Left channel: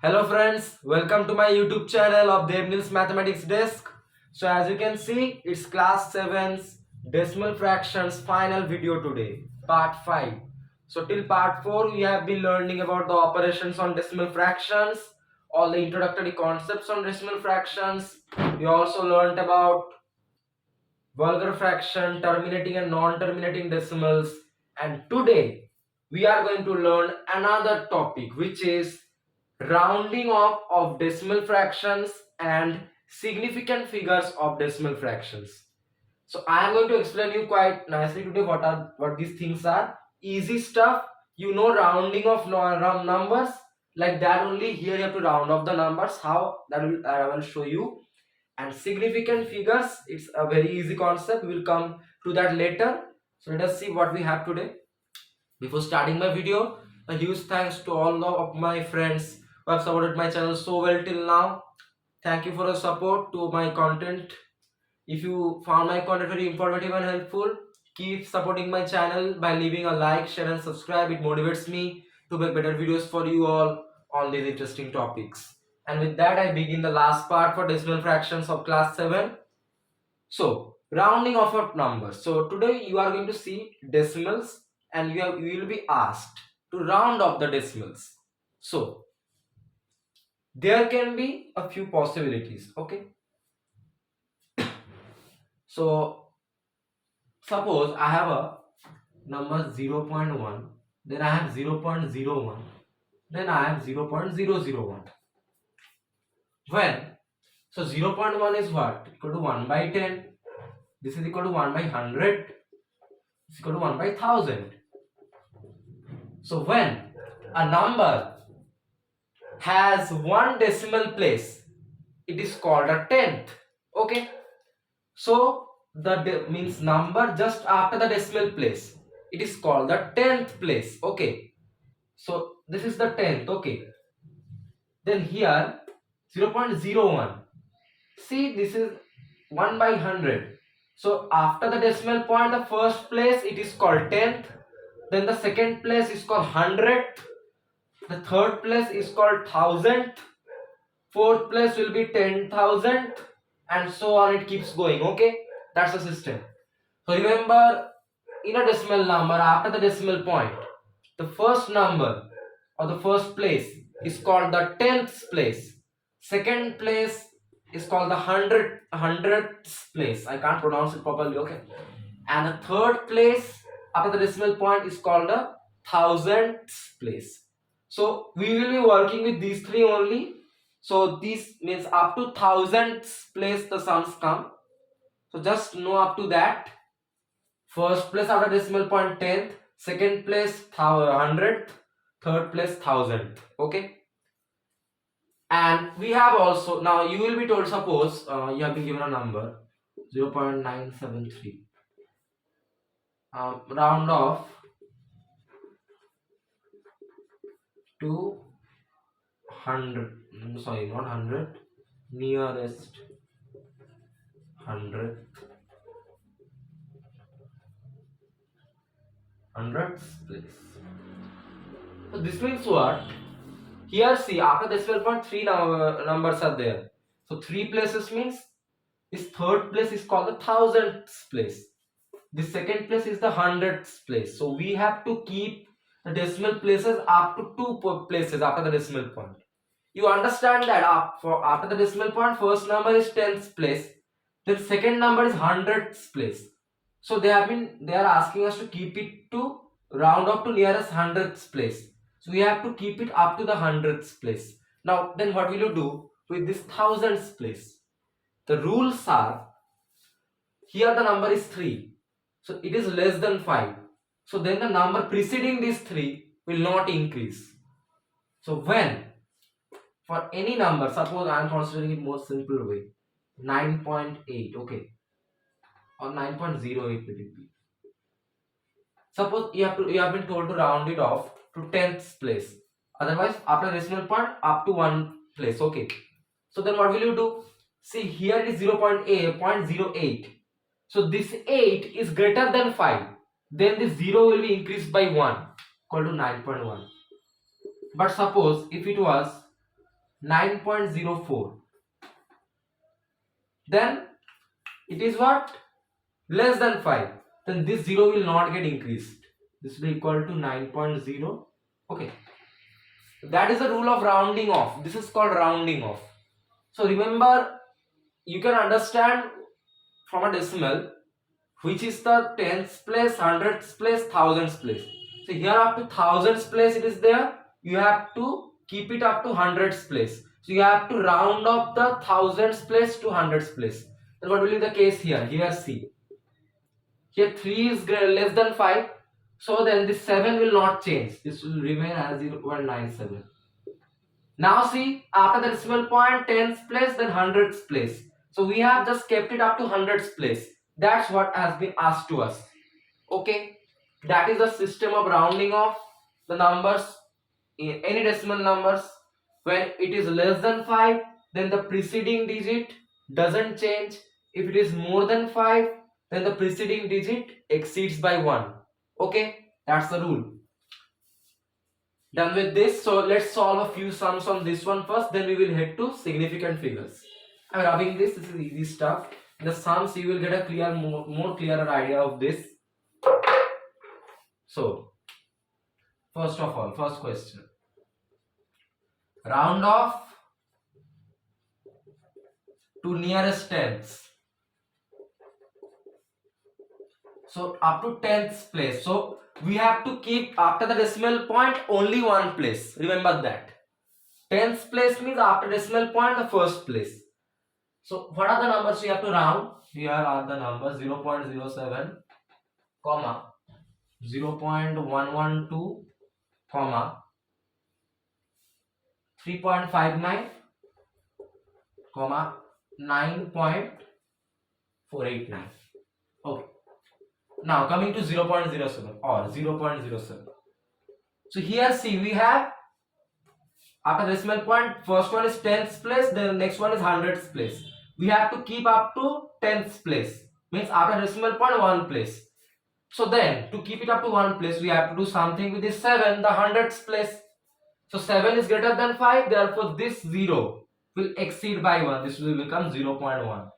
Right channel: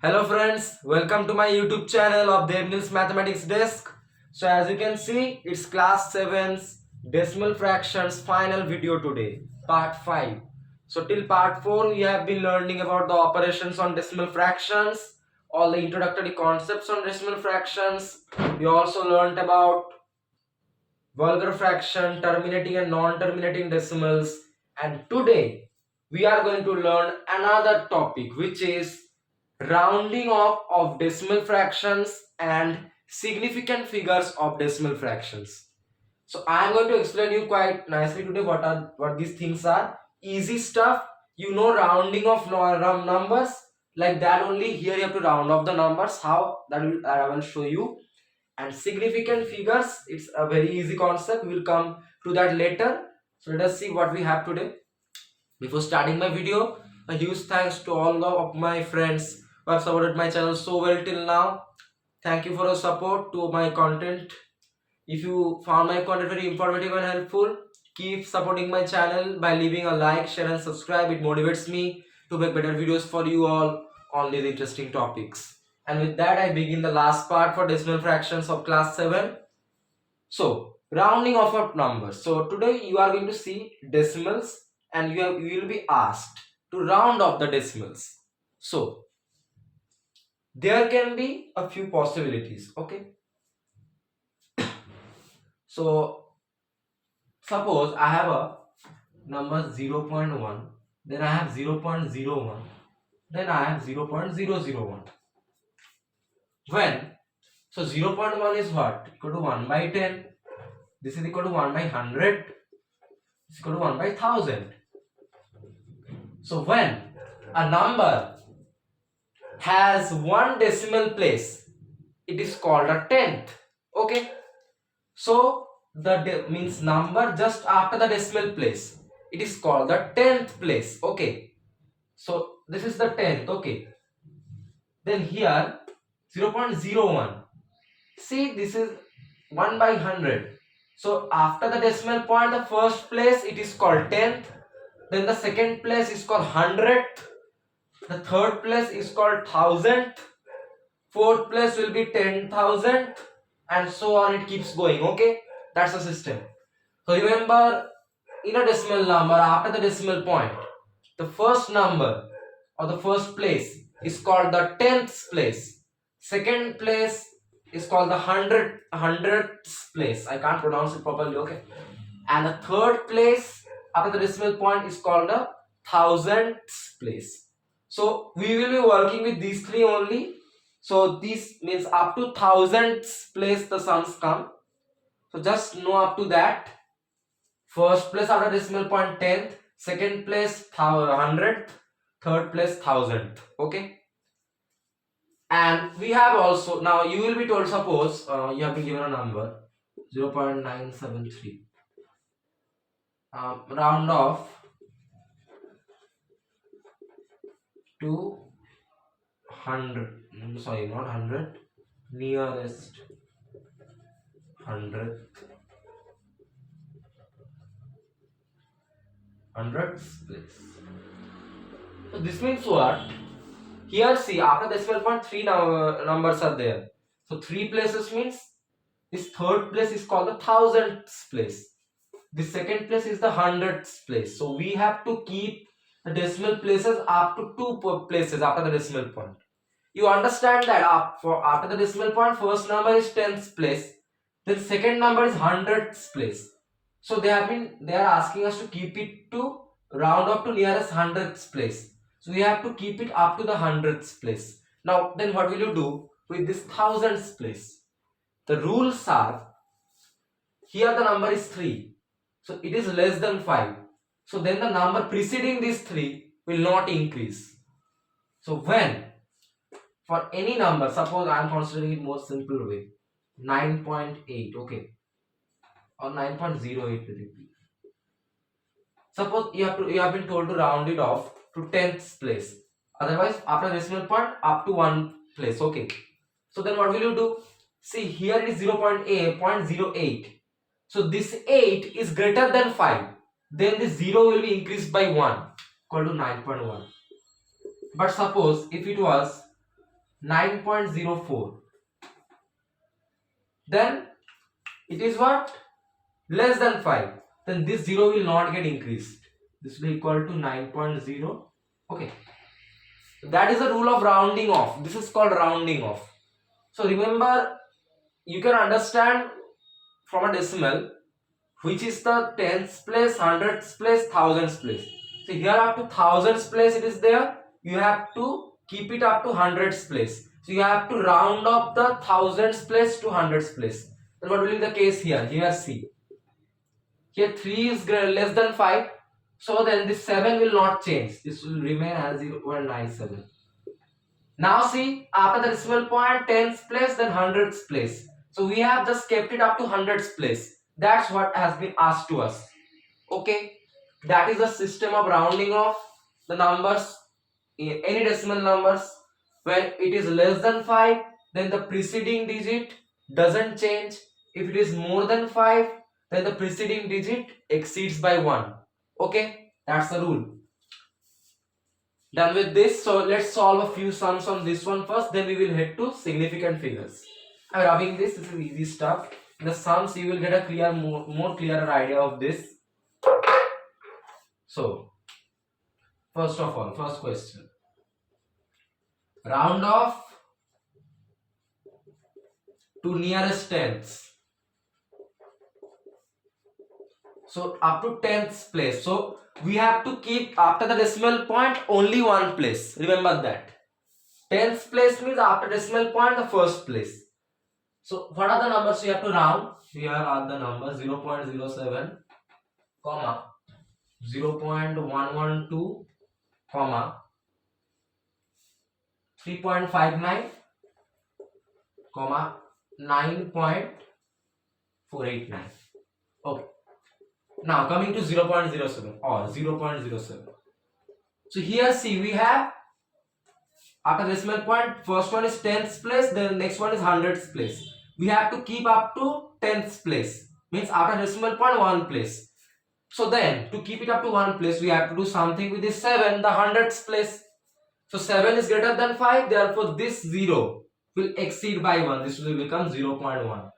Hello friends, welcome to my YouTube channel of Debneel's Mathematics Desk. So as you can see, it's class 7's decimal fractions final video today, part 5. So till part 4 we have been learning about the operations on decimal fractions, all the introductory concepts on decimal fractions. We also learned about vulgar fraction, terminating and non-terminating decimals, and today we are going to learn another topic which is rounding off of decimal fractions and significant figures of decimal fractions. So I am going to explain you quite nicely today what these things are. Easy stuff, rounding of numbers, like that only. Here you have to round off the numbers. How that will I will show you. And significant figures, it's a very easy concept. We will come to that later. So let us see what we have today. Before starting my video, a huge thanks to all of my friends who have supported my channel so well till now. Thank you for your support to my content. If you found my content very informative and helpful, keep supporting my channel by leaving a like, share and subscribe. It motivates me to make better videos for you all on these interesting topics. And with that, I begin the last part for decimal fractions of class 7. So, rounding off of numbers. So, today you are going to see decimals and you will be asked to round off the decimals. So, there can be a few possibilities. Okay. So, suppose I have a number 0.1, then I have 0.01, then I have 0.001. When? So, 0.1 is what? Equal to 1 by 10. This is equal to 1 by 100. This is equal to 1 by 1000. So, when a number has one decimal place, it is called a tenth. Okay. So the means number just after the decimal place, it is called the tenth place. Okay. So this is the tenth. Okay. Then here 0.01. See, this is 1 by 100. So after the decimal point, the first place it is called tenth. Then the second place is called hundredth. The third place is called thousandth. Fourth place will be 10,000, and so on. It keeps going. Okay, that's the system. So remember, in a decimal number, after the decimal point, the first number or the first place is called the tenth place. Second place is called the hundredth place. I can't pronounce it properly. Okay, and the third place after the decimal point is called the thousandth place. So we will be working with these three only. So this means up to thousandth place the sums come. So just know up to that. First place after decimal point tenth, second place hundredth, third place thousandth. Okay. And we have also, now you will be told, suppose you have been given a number 0.973. Round off to 100. Sorry, not 100. Nearest 100th place. So this means what? Here see, after decimal point 3 numbers are there. So 3 places means this third place is called the thousandth place. The second place is the hundredth place. So we have to keep the decimal places up to 2 places after the decimal point. You understand that after the decimal point, first number is 10th place, then second number is 100th place. So they are asking us to keep it to round up to nearest 100th place. So we have to keep it up to the 100th place. Now then what will you do with this thousandth place? The rules are, here the number is 3. So it is less than 5. So then the number preceding this 3 will not increase. So when for any number, suppose I am considering it more simple way, 9.8, okay, or 9.08 will it be. Suppose you have been told to round it off to 10th place. Otherwise, after decimal point, up to 1 place. Okay. So then what will you do? See, here it is 0.08. So this 8 is greater than 5. Then this 0 will be increased by 1, equal to 9.1. But suppose if it was 9.04. Then it is what? Less than 5. Then this 0 will not get increased. This will be equal to 9.0. Okay. That is the rule of rounding off. This is called rounding off. So remember, you can understand from a decimal which is the tens place, hundreds place, thousands place. So here up to thousands place it is there. You have to keep it up to hundreds place. So you have to round up the thousands place to hundreds place. Then what will be the case here? Here see. Here 3 is less than 5. So then this 7 will not change. This will remain as 0.97. Now see, after the decimal point, tens place, then hundreds place. So we have just kept it up to hundreds place. That's what has been asked to us. Okay, that is the system of rounding off the numbers in any decimal numbers. When it is less than 5, then the preceding digit doesn't change. If it is more than 5, then the preceding digit exceeds by 1. Okay, that's the rule. Done with this, so let's solve a few sums on this one first, then we will head to significant figures. I'm rubbing this is easy stuff. In the sums you will get a more clearer idea of this. So first of all, first question, round off to nearest tens. So up to tenths place. So we have to keep after the decimal point only one place. Remember that. Tenths place means after decimal point the first place. So what are the numbers you have to round? Here are the numbers 0.07, comma 0.112, comma 3.59, comma 9.489. Okay. Now coming to 0.07 or 0.07. So here see we have after decimal point first one is tenths place, then the next one is hundredths place. We have to keep up to tenths place, means after decimal point one place. So then to keep it up to one place we have to do something with this 7, the hundredths place. So 7 is greater than 5, therefore this 0 will exceed by 1. This will become 0.1.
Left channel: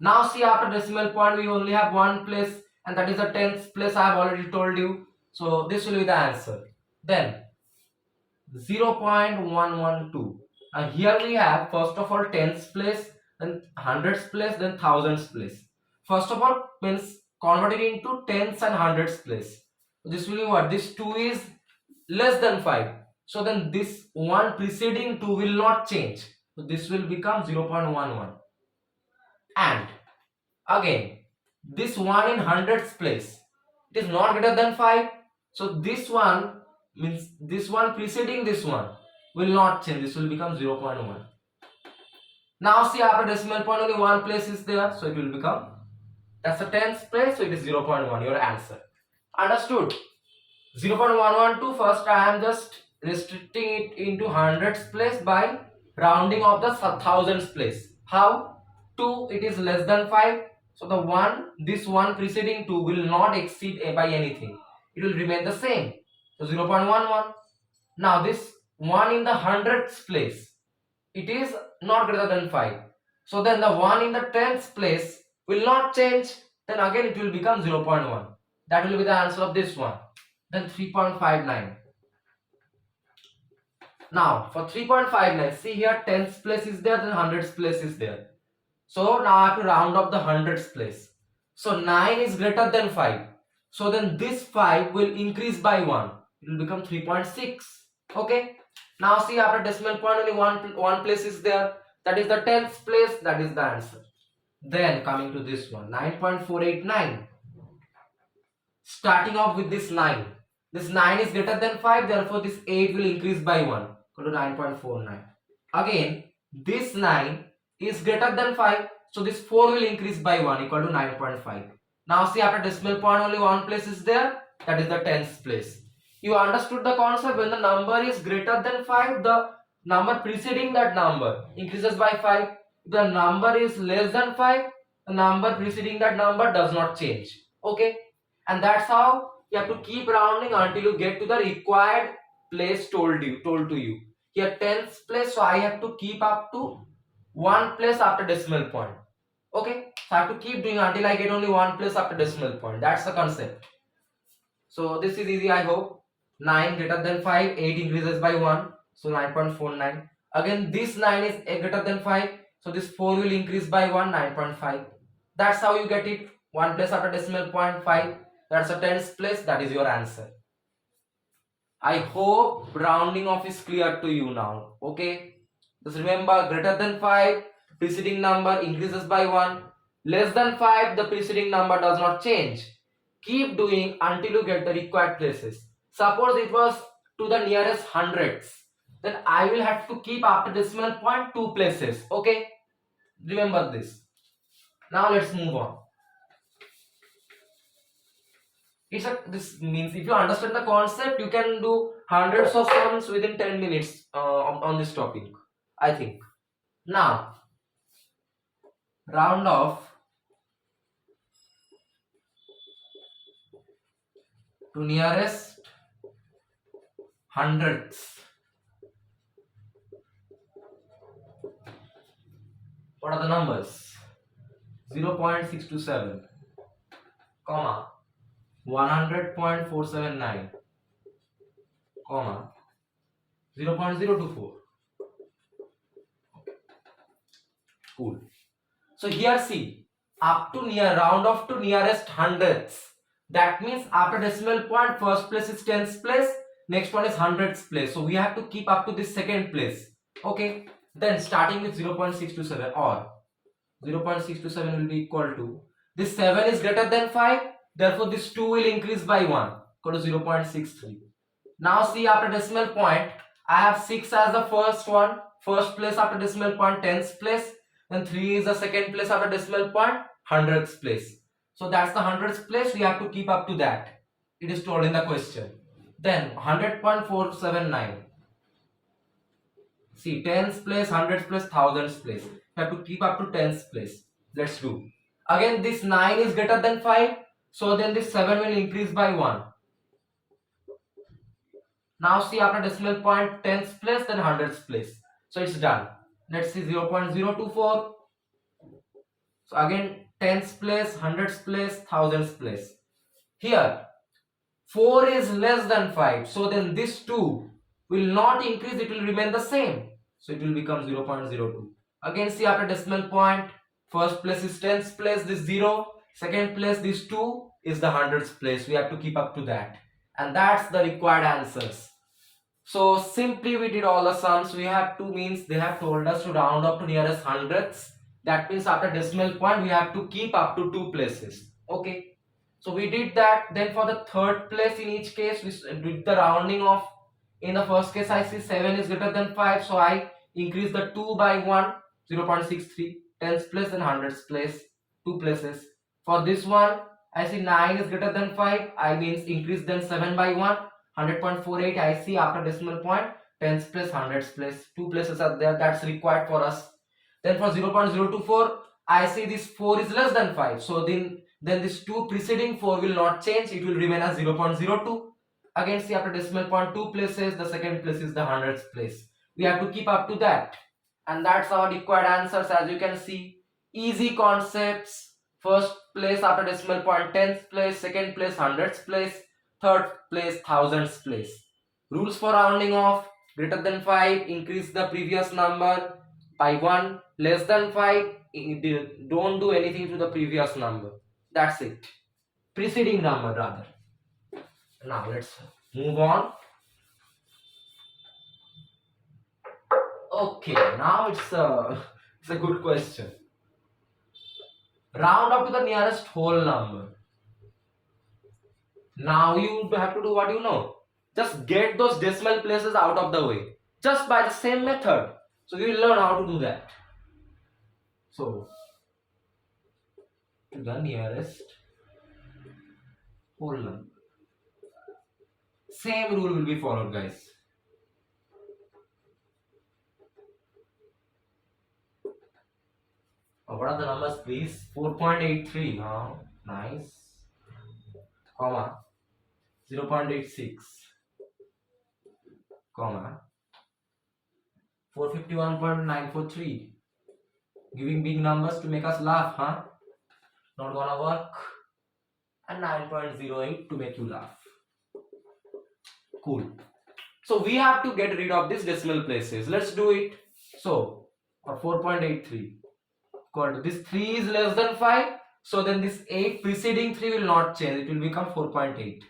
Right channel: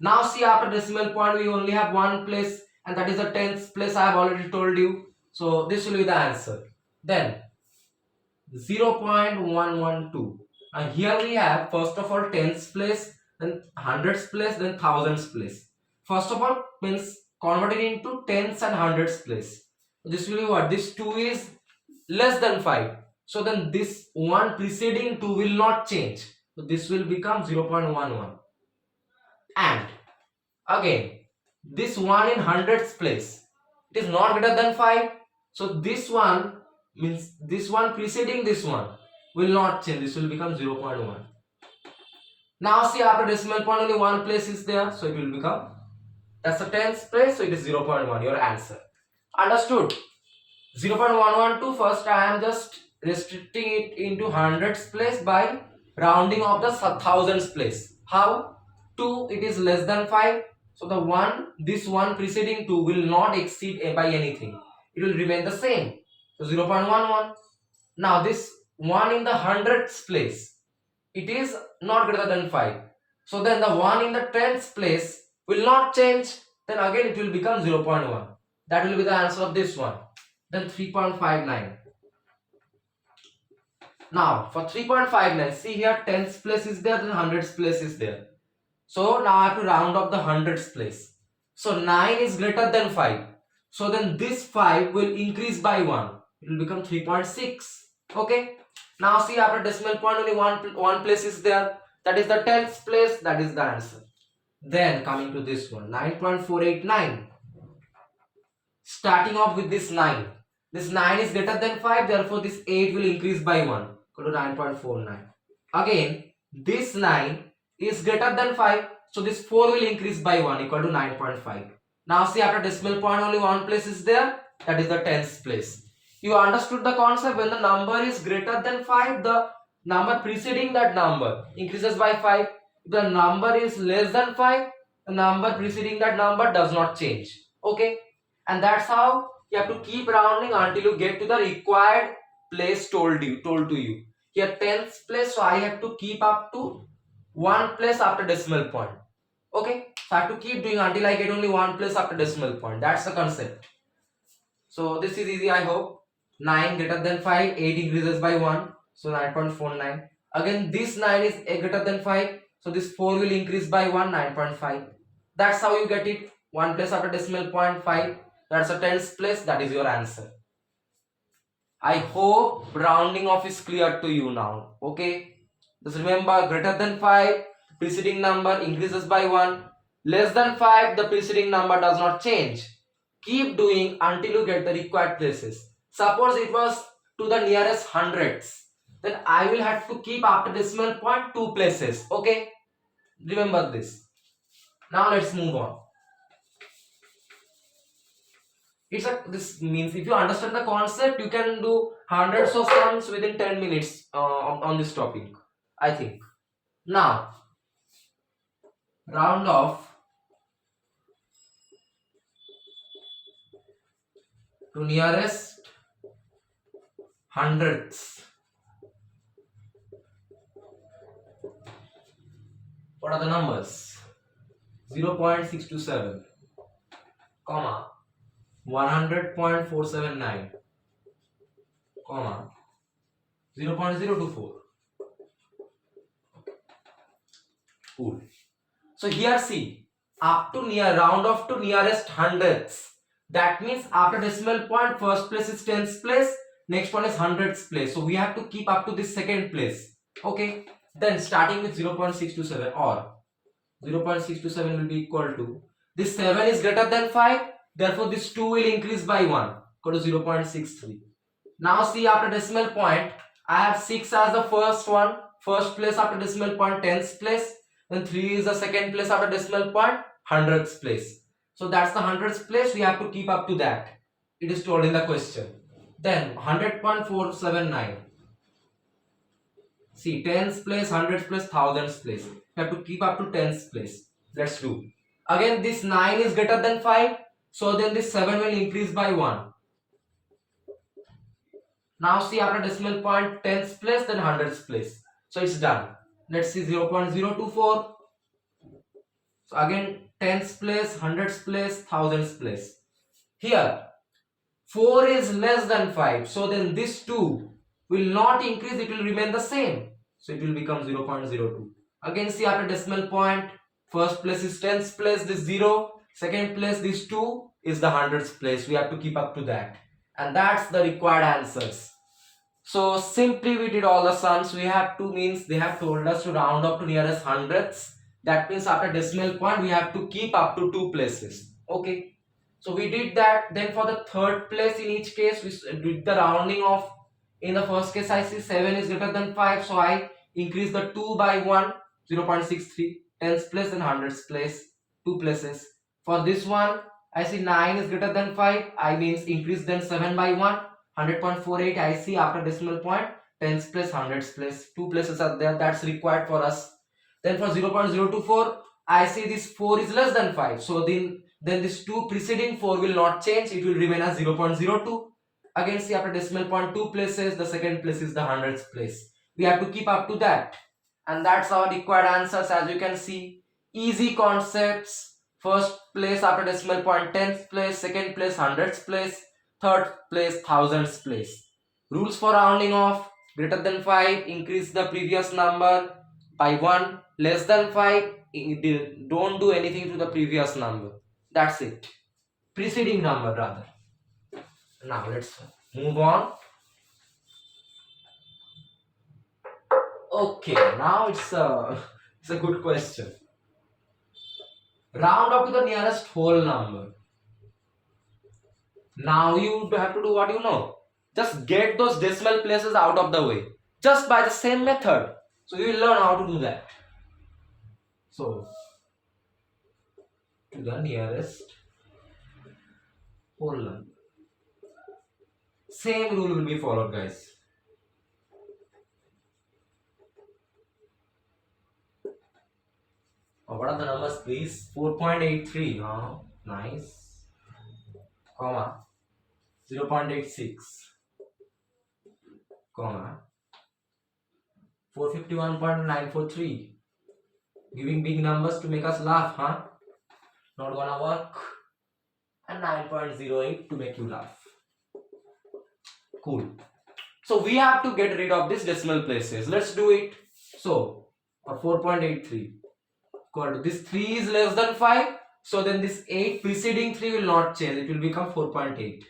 Now see after decimal point we only have one place, and that is the tenths place. I have already told you. So this will be the answer. Then 0.112. And here we have first of all tenths place, then hundredths place, then thousands place. First of all means converted into tenths and hundredths place. This will be what? This 2 is less than 5. So then this one preceding 2 will not change. So this will become 0.11. And again this 1 in hundredths place, it is not greater than 5. So this one means this one preceding this one will not change. This will become 0.1. Now see after decimal point only one place is there. So it will become, that's the tenths place. So it is 0.1. Your answer. Understood? 0.112. First I am just restricting it into hundredths place by rounding off the thousands place. How? 2 it is less than 5. So the one, this one preceding 2 will not exceed by anything. It will remain the same. So 0.11. Now this 1 in the hundredths place, it is not greater than 5. So then the 1 in the tenths place will not change. Then again it will become 0.1. That will be the answer of this one. Then 3.59. Now for 3.59, see here tenths place is there, then hundredths place is there. So now I have to round up the hundredths place. So 9 is greater than 5. So then this 5 will increase by 1. It will become 3.6. Okay. Now see after decimal point only one place is there. That is the tenths place. That is the answer. Then coming to this one, 9.489. Starting off with this 9. This 9 is greater than 5. Therefore this 8 will increase by 1. Go to 9.49. Again this 9 is greater than 5. So this 4 will increase by 1 equal to 9.5. Now see after decimal point only one place is there. That is the tenths place. You understood the concept. When the number is greater than 5, the number preceding that number increases by 5. If the number is less than 5, the number preceding that number does not change. Okay. And that's how you have to keep rounding until you get to the required place told to you. Here tens place, so I have to keep up to one place after decimal point. Okay, so I have to keep doing until I get only one place after decimal point. That's the concept. So this is easy, I hope. 9 greater than 5, 8 increases by 1, so 9.49. Again, this 9 is greater than 5, so this 4 will increase by 1, 9.5. That's how you get it. One place after decimal point 5. That's a tens place. That is your answer. I hope rounding off is clear to you now. Okay. Just remember, greater than 5, preceding number increases by 1. Less than 5, the preceding number does not change. Keep doing until you get the required places. Suppose it was to the nearest hundreds. Then I will have to keep after decimal point 2 places. Okay. Remember this. Now let's move on. This means if you understand the concept, you can do hundreds of sums within 10 minutes on this topic, I think. Now round off to nearest hundredths. What are the numbers? 0.627 comma 100.479 comma 0.024. Cool. So here see, up to near round off to nearest hundredths. That means after decimal point, first place is tens place, next one is hundredths place. So we have to keep up to this second place. Okay. Then starting with 0.627 or 0.627 will be equal to, this 7 is greater than 5, therefore this 2 will increase by 1, equal to 0.63. Now see, after decimal point, I have 6 as the first one, first place after decimal point, tens place, and 3 is the second place after decimal point, hundredths place. So that's the hundredths place, we have to keep up to that. It is told in the question. Then 100.479. See, tens place, hundreds place, thousands place. You have to keep up to tens place. Let's do. Again, this 9 is greater than 5. So then this 7 will increase by 1. Now see, after decimal point, tens place, then hundreds place. So it's done. Let's see 0.024. So again, tens place, hundreds place, thousands place. Here, 4 is less than 5. So then this 2 will not increase, it will remain the same. So it will become 0.02. Again, see, after decimal point, first place is tens place, this 0. Second place, this 2 is the hundreds place. We have to keep up to that. And that's the required answers. So simply we did all the sums. We have to, means they have told us to round up to nearest hundredths. That means after decimal point, we have to keep up to 2 places. Okay. So we did that. Then for the third place, in each case, we did the rounding off. In the first case, I see 7 is greater than 5. So I increase the 2 by 1, 0.63. Tens place and hundreds place, 2 places. For this one, I see 9 is greater than 5. I means increase then 7 by 1. 100.48 I see after decimal point, tens place, hundreds place, 2 places are there, that's required for us. Then for 0.024 I see this 4 is less than 5, so then this 2 preceding 4 will not change, it will remain as 0.02. Again see, after decimal point, 2 places, the second place is the hundreds place. We have to keep up to that, and that's our required answers. As you can see, easy concepts. First place after decimal point, tens place, second place hundreds place, third place thousands place. Rules for rounding off: greater than 5, increase the previous number by 1. Less than 5, don't do anything to the previous number. That's it. Preceding number rather. Now let's move on. Okay, now it's a good question. Round up to the nearest whole number. Now you have to do what you know. Just get those decimal places out of the way. Just by the same method. So you will learn how to do that. So, to the nearest whole number. Same rule will be followed, guys. What are the numbers, please? 4.83. Oh, nice. Comma 0.86. Comma 451.943. Giving big numbers to make us laugh, huh? Not gonna work. And 9.08 to make you laugh. Cool. So we have to get rid of these decimal places. Let's do it. So 4.83 equal to this 3 is less than 5. So then this 8 preceding 3 will not change. It will become 4.8.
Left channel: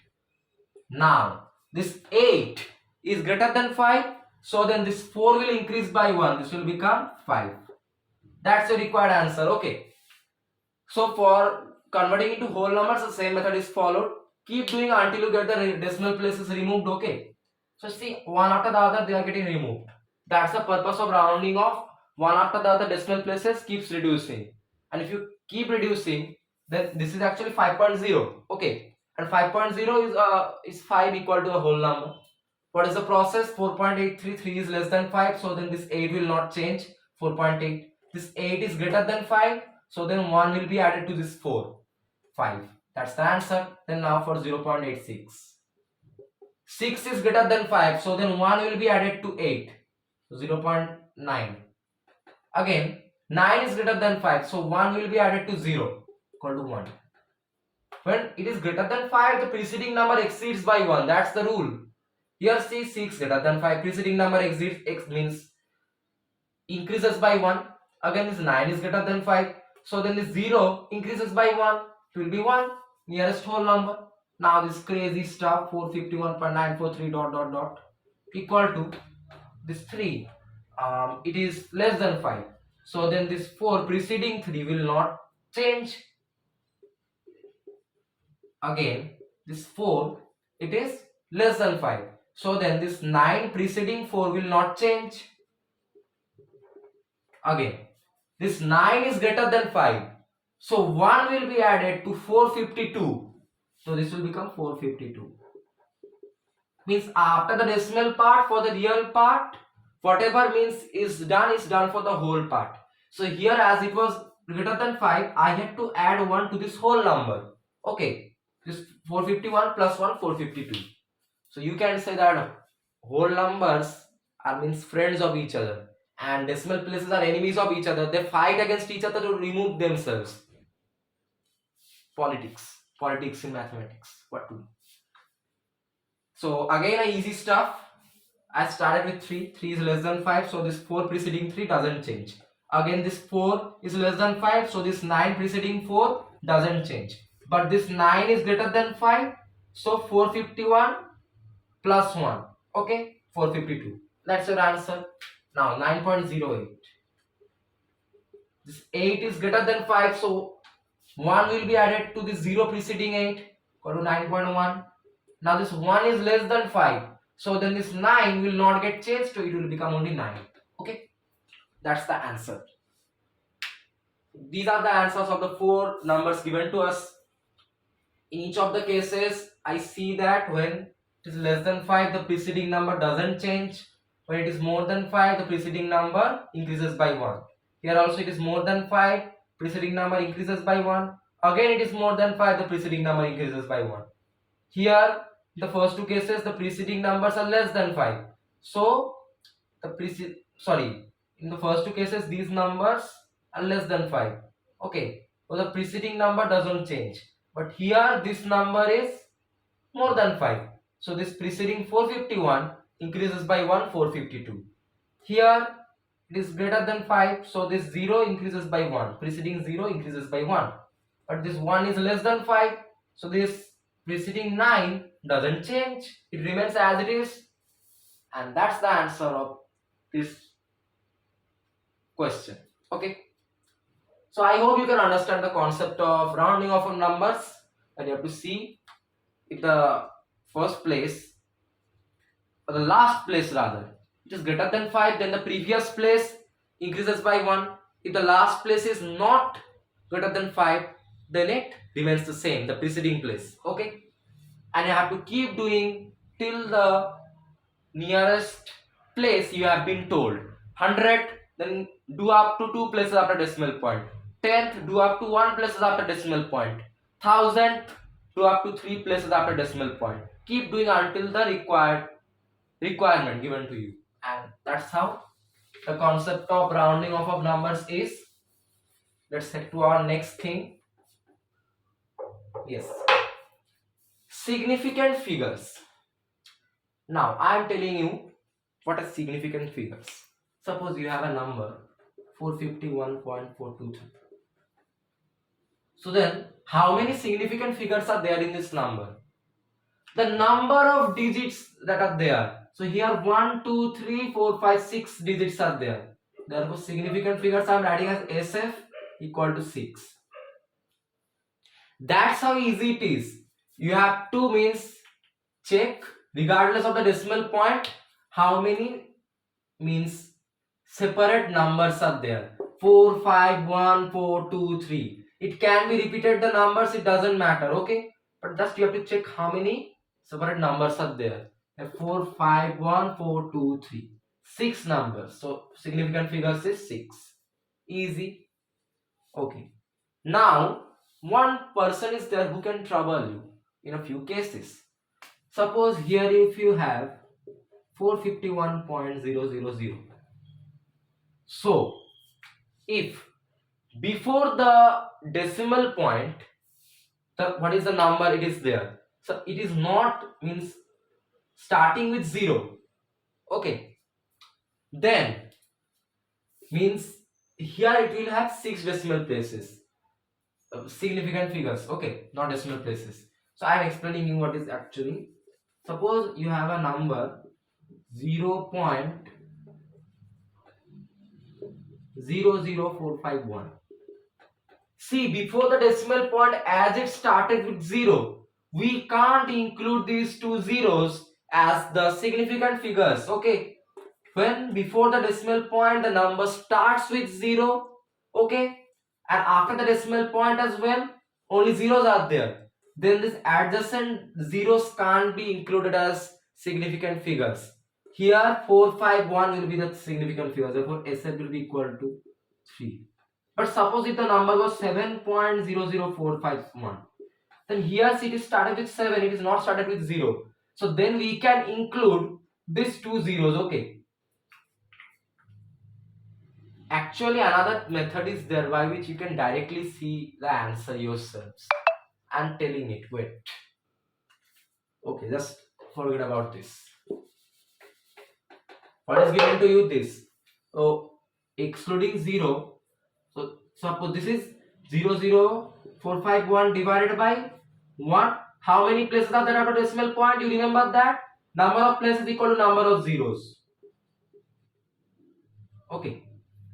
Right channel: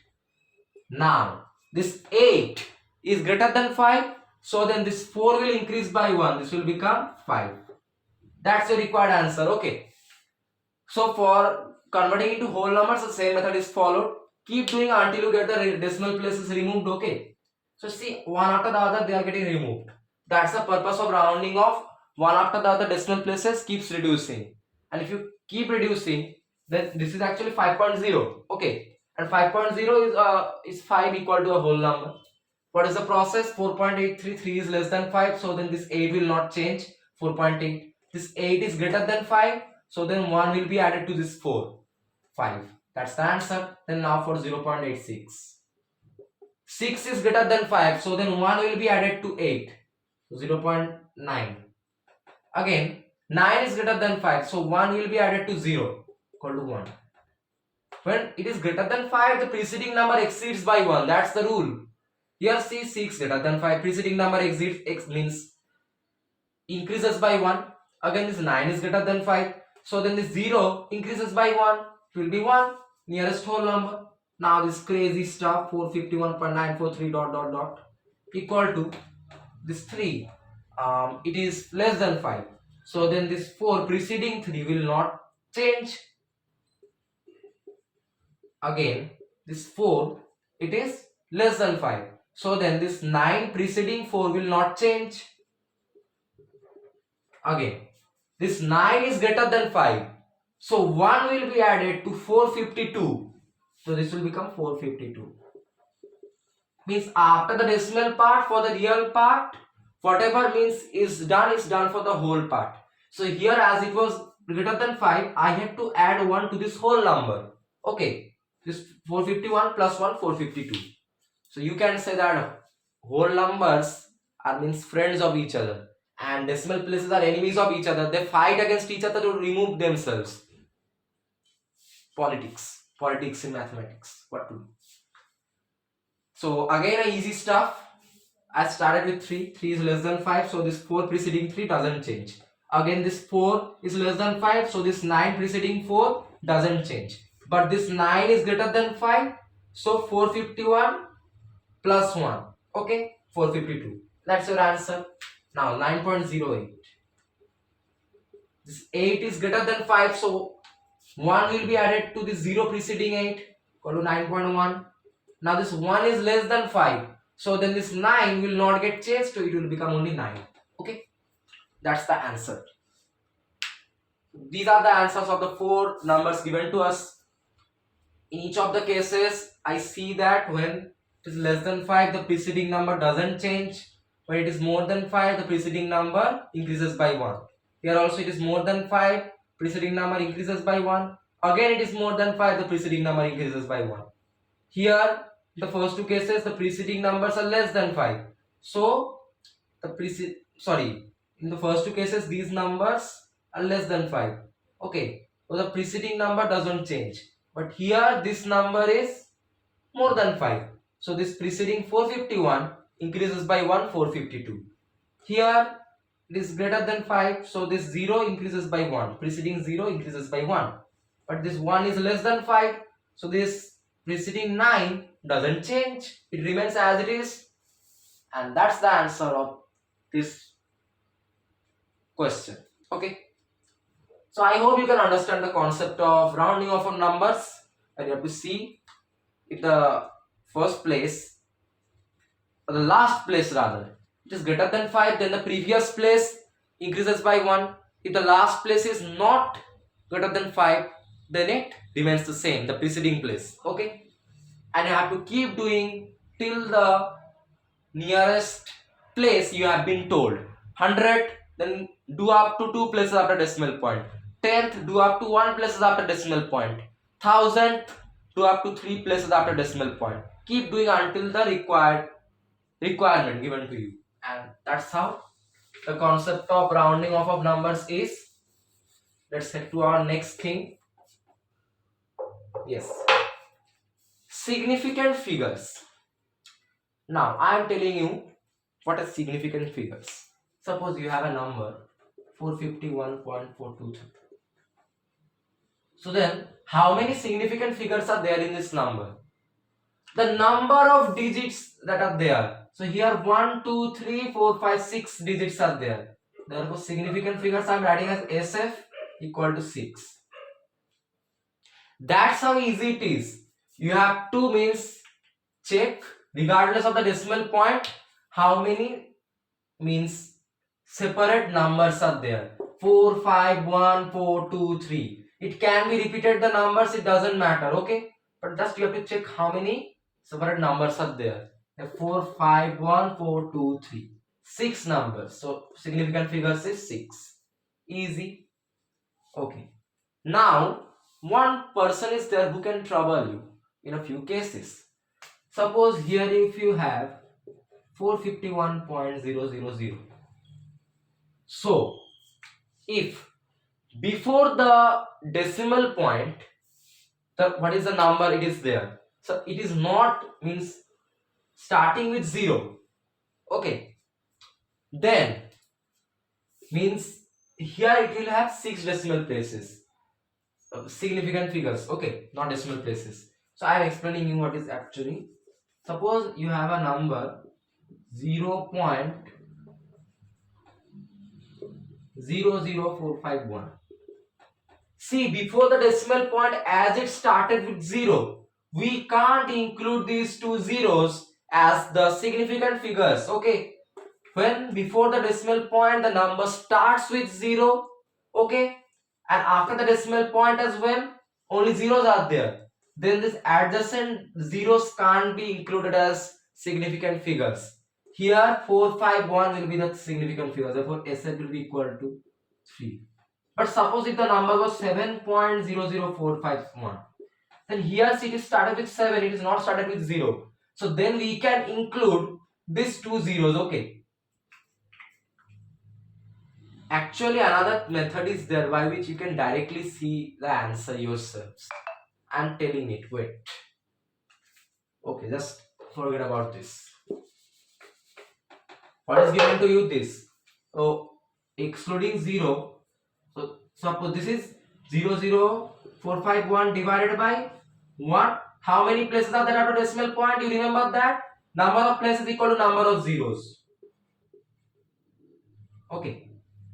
Now this 8 is greater than 5. So then this 4 will increase by 1. This will become 5. That's the required answer. Okay. So for converting into whole numbers, the same method is followed. Keep doing until you get the decimal places removed. Okay. So see, one after the other they are getting removed. That's the purpose of rounding off. One after the other decimal places keeps reducing. And if you keep reducing, then this is actually 5.0. Okay. And 5.0 is 5 equal to a whole number. What is the process? 4.83, 3 is less than 5. So then this 8 will not change. 4.8. This 8 is greater than 5. So then 1 will be added to this 4. 5. That's the answer. Then now for 0.86. 6 is greater than 5. So then 1 will be added to 8. So 0.9. Again, 9 is greater than 5. So 1 will be added to 0. Equal to 1. When it is greater than 5, the preceding number exceeds by 1. That's the rule. Here see 6 greater than 5. Preceding number exceeds x means increases by 1. Again this 9 is greater than 5. So then this 0 increases by 1. It will be 1. Nearest whole number. Now this crazy stuff 451.943 dot dot dot equal to this 3. It is less than 5. So then this 4 preceding 3 will not change. Again this 4, it is less than 5. So then this 9 preceding 4 will not change. Again this 9 is greater than 5. So 1 will be added to 452. So this will become 452. Means after the decimal part, for the real part, whatever means is done for the whole part. So here as it was greater than 5, I had to add 1 to this whole number. Okay. This 451 plus 1, 452. So you can say that whole numbers are means friends of each other. And decimal places are enemies of each other. They fight against each other to remove themselves. Politics in mathematics. What to do? So again easy stuff. I started with 3. 3 is less than 5. So this 4 preceding 3 doesn't change. Again this 4 is less than 5. So this 9 preceding 4 doesn't change. But this 9 is greater than 5. So 451 plus 1. Okay. 452. That's your answer. Now 9.08. This 8 is greater than 5. So 1 will be added to the 0 preceding 8. Equal to 9.1. Now this 1 is less than 5. So then this 9 will not get changed. So it will become only 9. Okay. That's the answer. These are the answers of the 4 numbers given to us. In each of the cases, I see that when it is less than 5, the preceding number doesn't change. When it is more than 5, the preceding number increases by 1. Here also it is more than 5, preceding number increases by 1. Again it is more than 5, the preceding number increases by 1. Here, the first 2 cases, the preceding numbers are less than 5. So, in the first 2 cases, these numbers are less than 5. Okay, so the preceding number doesn't change. But here, this number is more than 5. So, this preceding 451 increases by 1, 452. Here, it is greater than 5. So, this 0 increases by 1. Preceding 0 increases by 1. But this 1 is less than 5. So, this preceding 9 doesn't change. It remains as it is. And that's the answer of this question. Okay. So I hope you can understand the concept of rounding off of numbers. And you have to see if the first place, or the last place rather, it is greater than 5, then the previous place increases by 1. If the last place is not greater than 5, then it remains the same, the preceding place. Okay. And you have to keep doing till the nearest place you have been told. 100, then do up to 2 places after decimal point. 10th, do up to 1 places after decimal point. 1000th, do up to 3 places after decimal point. Keep doing until the requirement given to you. And that's how the concept of rounding off of numbers is, let's head to our next thing. Yes, significant figures. Now I am telling you what are significant figures. Suppose you have a number 451.423. So then how many significant figures are there in this number? The number of digits that are there. So here 1, 2, 3, 4, 5, 6 digits are there. Therefore significant figures I am writing as SF equal to 6. That's how easy it is. You have to means check regardless of the decimal point how many means separate numbers are there. 4, 5, 1, 4, 2, 3. It can be repeated the numbers, it doesn't matter, okay? But just you have to check how many separate numbers are there. 4, 5, 1, 4, 2, 3. 6 numbers. So significant figures is 6. Easy. Okay. Now one person is there who can trouble you in a few cases. Suppose here if you have 451.000. So if before the decimal point what is the number it is there, so it is not means starting with 0, okay, then means here it will have 6 decimal places, significant figures, okay, not decimal places. So I am explaining you what is actually. Suppose you have a number 0.00451. See, before the decimal point, as it started with 0, we can't include these two zeros as the significant figures, okay? When before the decimal point the number starts with 0, okay, and after the decimal point as well only zeros are there, then this adjacent zeros can't be included as significant figures. Here 451 will be the significant figure, therefore SF will be equal to 3. But suppose if the number was 7.00451, then here it is started with 7, it is not started with 0. So then we can include these two zeros, okay. Actually another method is there by which you can directly see the answer yourselves. I am telling it, wait. Okay, just forget about this. What is given to you? This. So excluding 0. So suppose this is 00451 divided by 1. How many places are there after decimal point? You remember that? Number of places equal to number of zeros. Okay.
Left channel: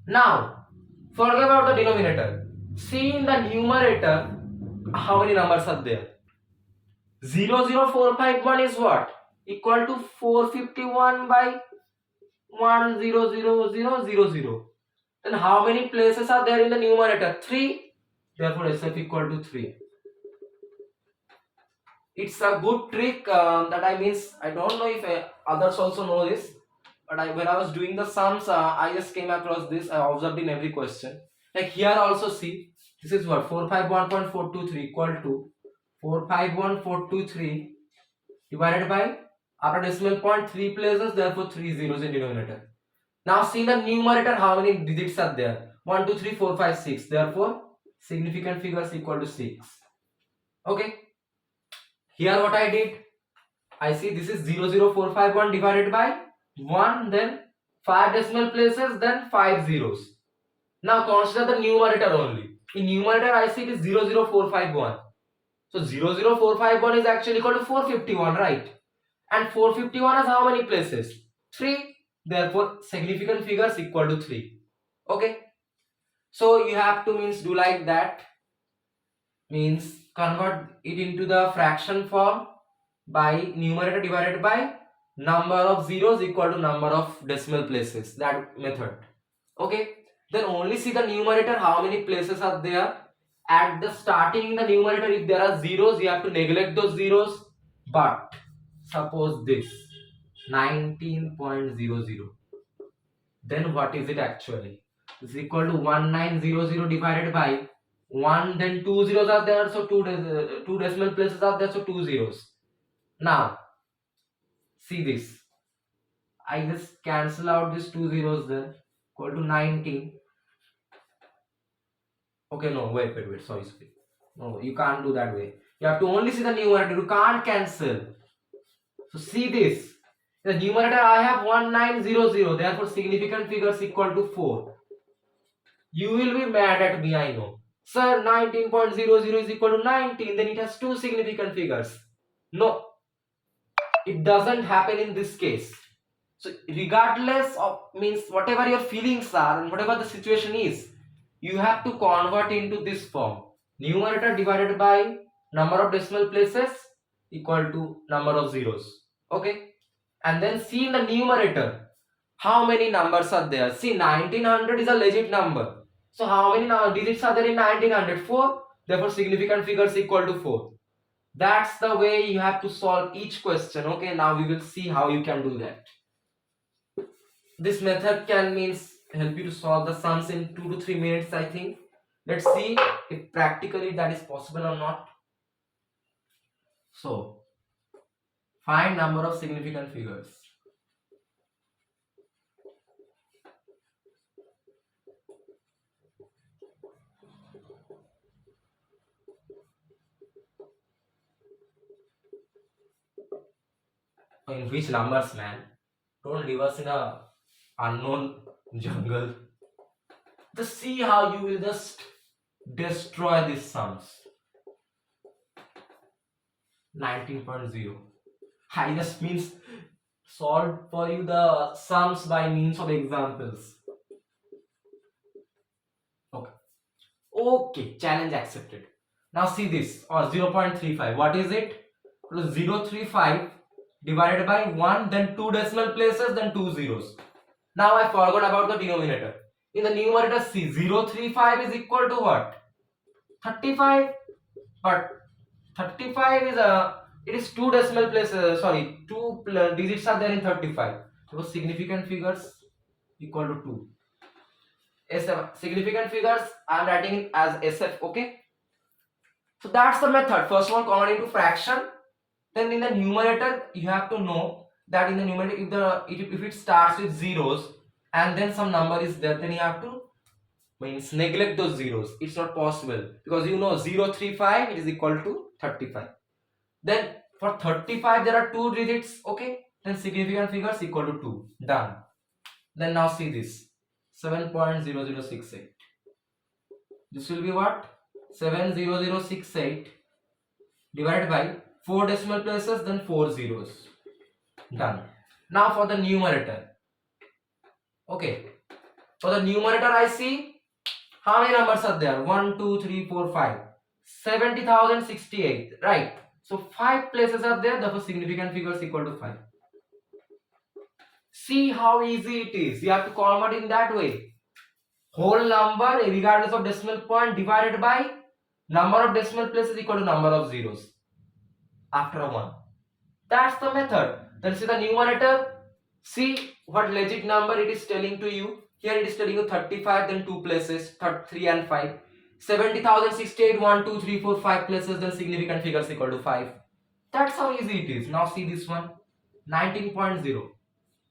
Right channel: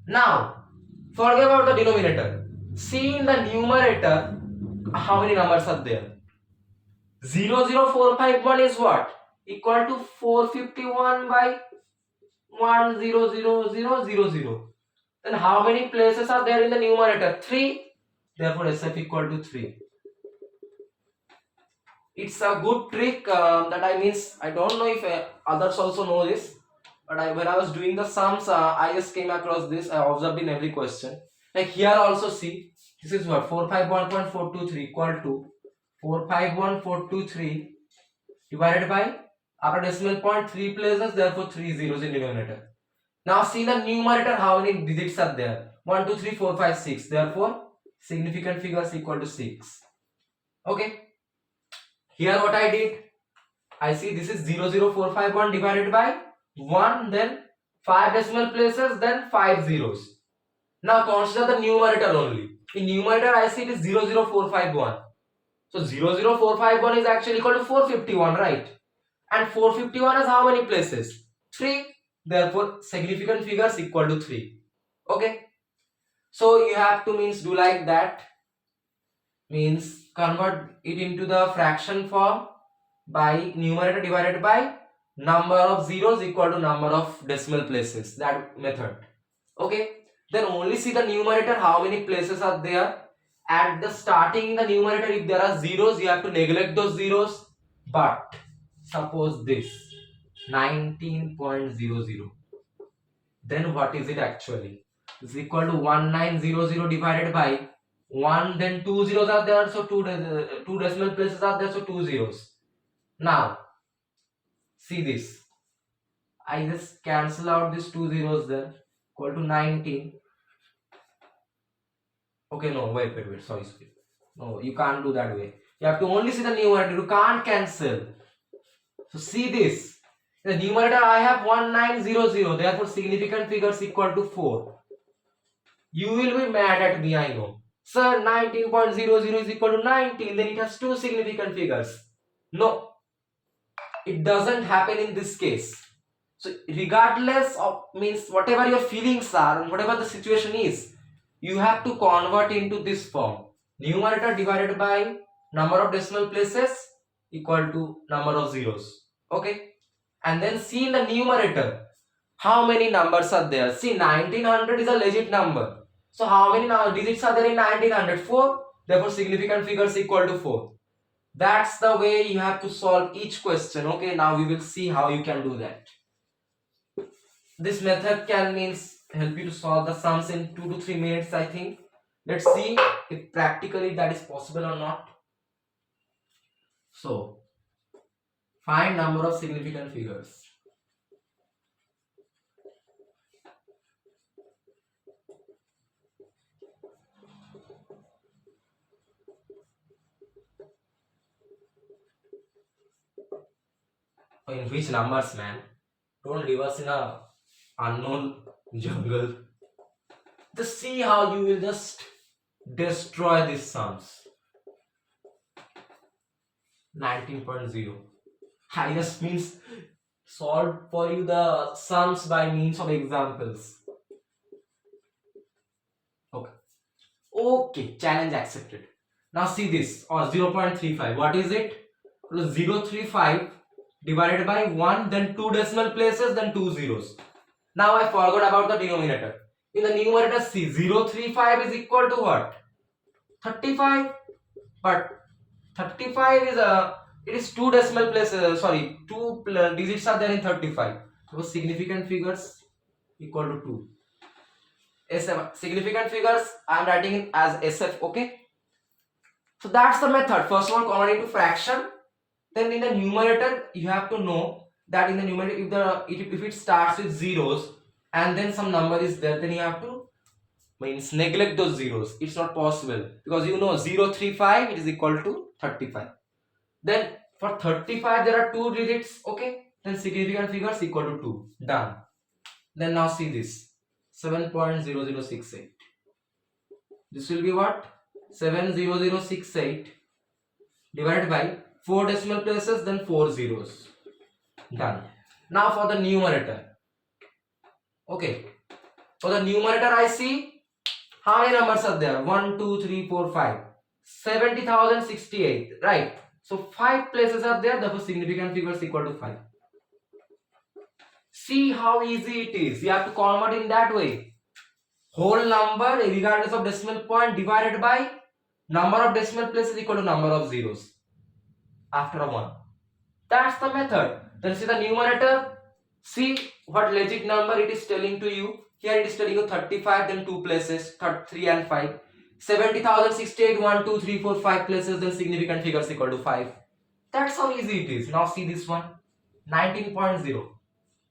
Now, forget about the denominator. See in the numerator, how many numbers are there? 00451 is what? Equal to 451 by 1000000. Then how many places are there in the numerator? 3. Therefore SF equal to 3. It's a good trick that I means I don't know if others also know this, but when I was doing the sums I just came across this. I observed in every question. Like here also see, this is what 451.423 equal to 451.423 divided by, after decimal point 3 places, therefore 3 zeros in denominator. Now see the numerator how many digits are there? 1, 2, 3, 4, 5, 6. Therefore significant figures equal to 6. Okay. Here what I did, I see this is 00451 divided by 1, then 5 decimal places, then 5 zeros. Now consider the numerator only. In numerator I see it is 00451. So 00451 is actually equal to 451, right? And 451 has how many places? 3. Therefore significant figures equal to 3. Okay. So you have to means do like that. Means convert it into the fraction form by numerator divided by number of zeros equal to number of decimal places. That method. Okay. Then only see the numerator how many places are there. At the starting in the numerator if there are zeros you have to neglect those zeros. But suppose this 19.00, then what is it actually? It's equal to 1900 divided by 1, then 2 zeros are there, so two decimal places are there, so 2 zeros. Now see this, I just cancel out these 2 zeros there. equal to 19. Okay, no, wait, sorry. No, you can't do that way. You have to only see the numerator, you can't cancel. So see this. The numerator I have 1900, therefore significant figures equal to 4. You will be mad at me, I know. Sir, 19.00 is equal to 19, then it has two significant figures. No, it doesn't happen in this case. So regardless of, means whatever your feelings are and whatever the situation is, you have to convert into this form. Numerator divided by number of decimal places equal to number of zeros. Okay, and then see in the numerator how many numbers are there. See, 1900 is a legit number. So how many digits are there in 1900? 4. Therefore significant figures equal to 4. That's the way you have to solve each question. Okay, now we will see how you can do that. This method can means help you to solve the sums in 2 to 3 minutes, I think. Let's see if practically that is possible or not. So find number of significant figures. In which numbers, man? Don't leave us in a unknown jungle. Just see how you will just destroy these sums. 19.0. I just means solve for you the sums by means of examples. Okay, challenge accepted. Now see this, or 0.35. What is it? 0.35 divided by 1, then 2 decimal places, then 2 zeros. Now I forgot about the denominator. In the numerator, see, 0.35 is equal to what? 35. But 35 is it is 2 decimal places, sorry, 2 digits are there in 35. So significant figures equal to 2. SF, significant figures I am writing it as SF. Okay, so that's the method. First of all, convert into fraction. Then in the numerator, you have to know that in the numerator, if it starts with zeros and then some number is there, then you have to means neglect those zeros. It's not possible because you know 0.35 it is equal to 35. Then for 35 there are 2 digits. Okay, then significant figures equal to 2. Done. Then now see this 7.0068. This will be what? 70068 divided by 4 decimal places, then 4 zeros. Done. Now for the numerator. Okay, for the numerator I see how many numbers are there? 1, 2, 3, 4, 5. 70,068. Right. So 5 places are there, therefore significant figures equal to 5. See how easy it is. You have to convert in that way. Whole number regardless of decimal point divided by number of decimal places equal to number of zeros after a 1. That's the method. Then see the numerator. See what legit number it is telling to you. Here it is telling you 35, then 2 places, 3 and 5. 70,068, 1, 2, 3, 4, 5 places, then significant figures equal to 5. That's how easy it is. Now see this one. 19.0.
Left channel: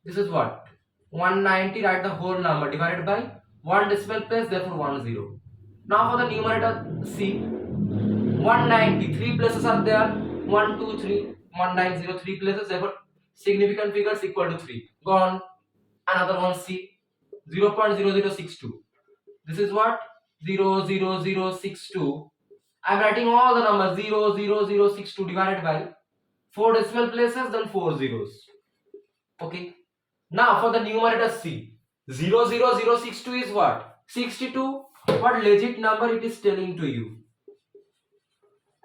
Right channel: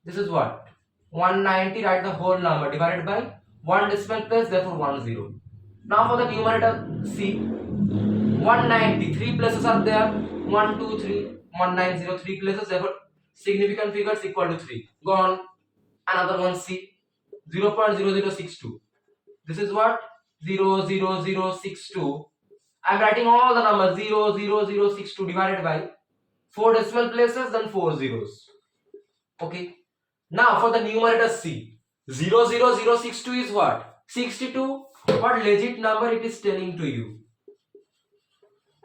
This is what? 190, write the whole number divided by 1 decimal place, therefore 1 0. Now for the numerator, see 190, 3 places are there. 1, 2, 3, 190, 3 places, therefore significant figures equal to 3. Gone. Another one, see 0.0062. This is what? 0.0062. I am writing all the numbers 0.0062 divided by 4 decimal places, then 4 zeros. Okay. Now for the numerator, C 0.0062 is what? 62. What legit number it is telling to you?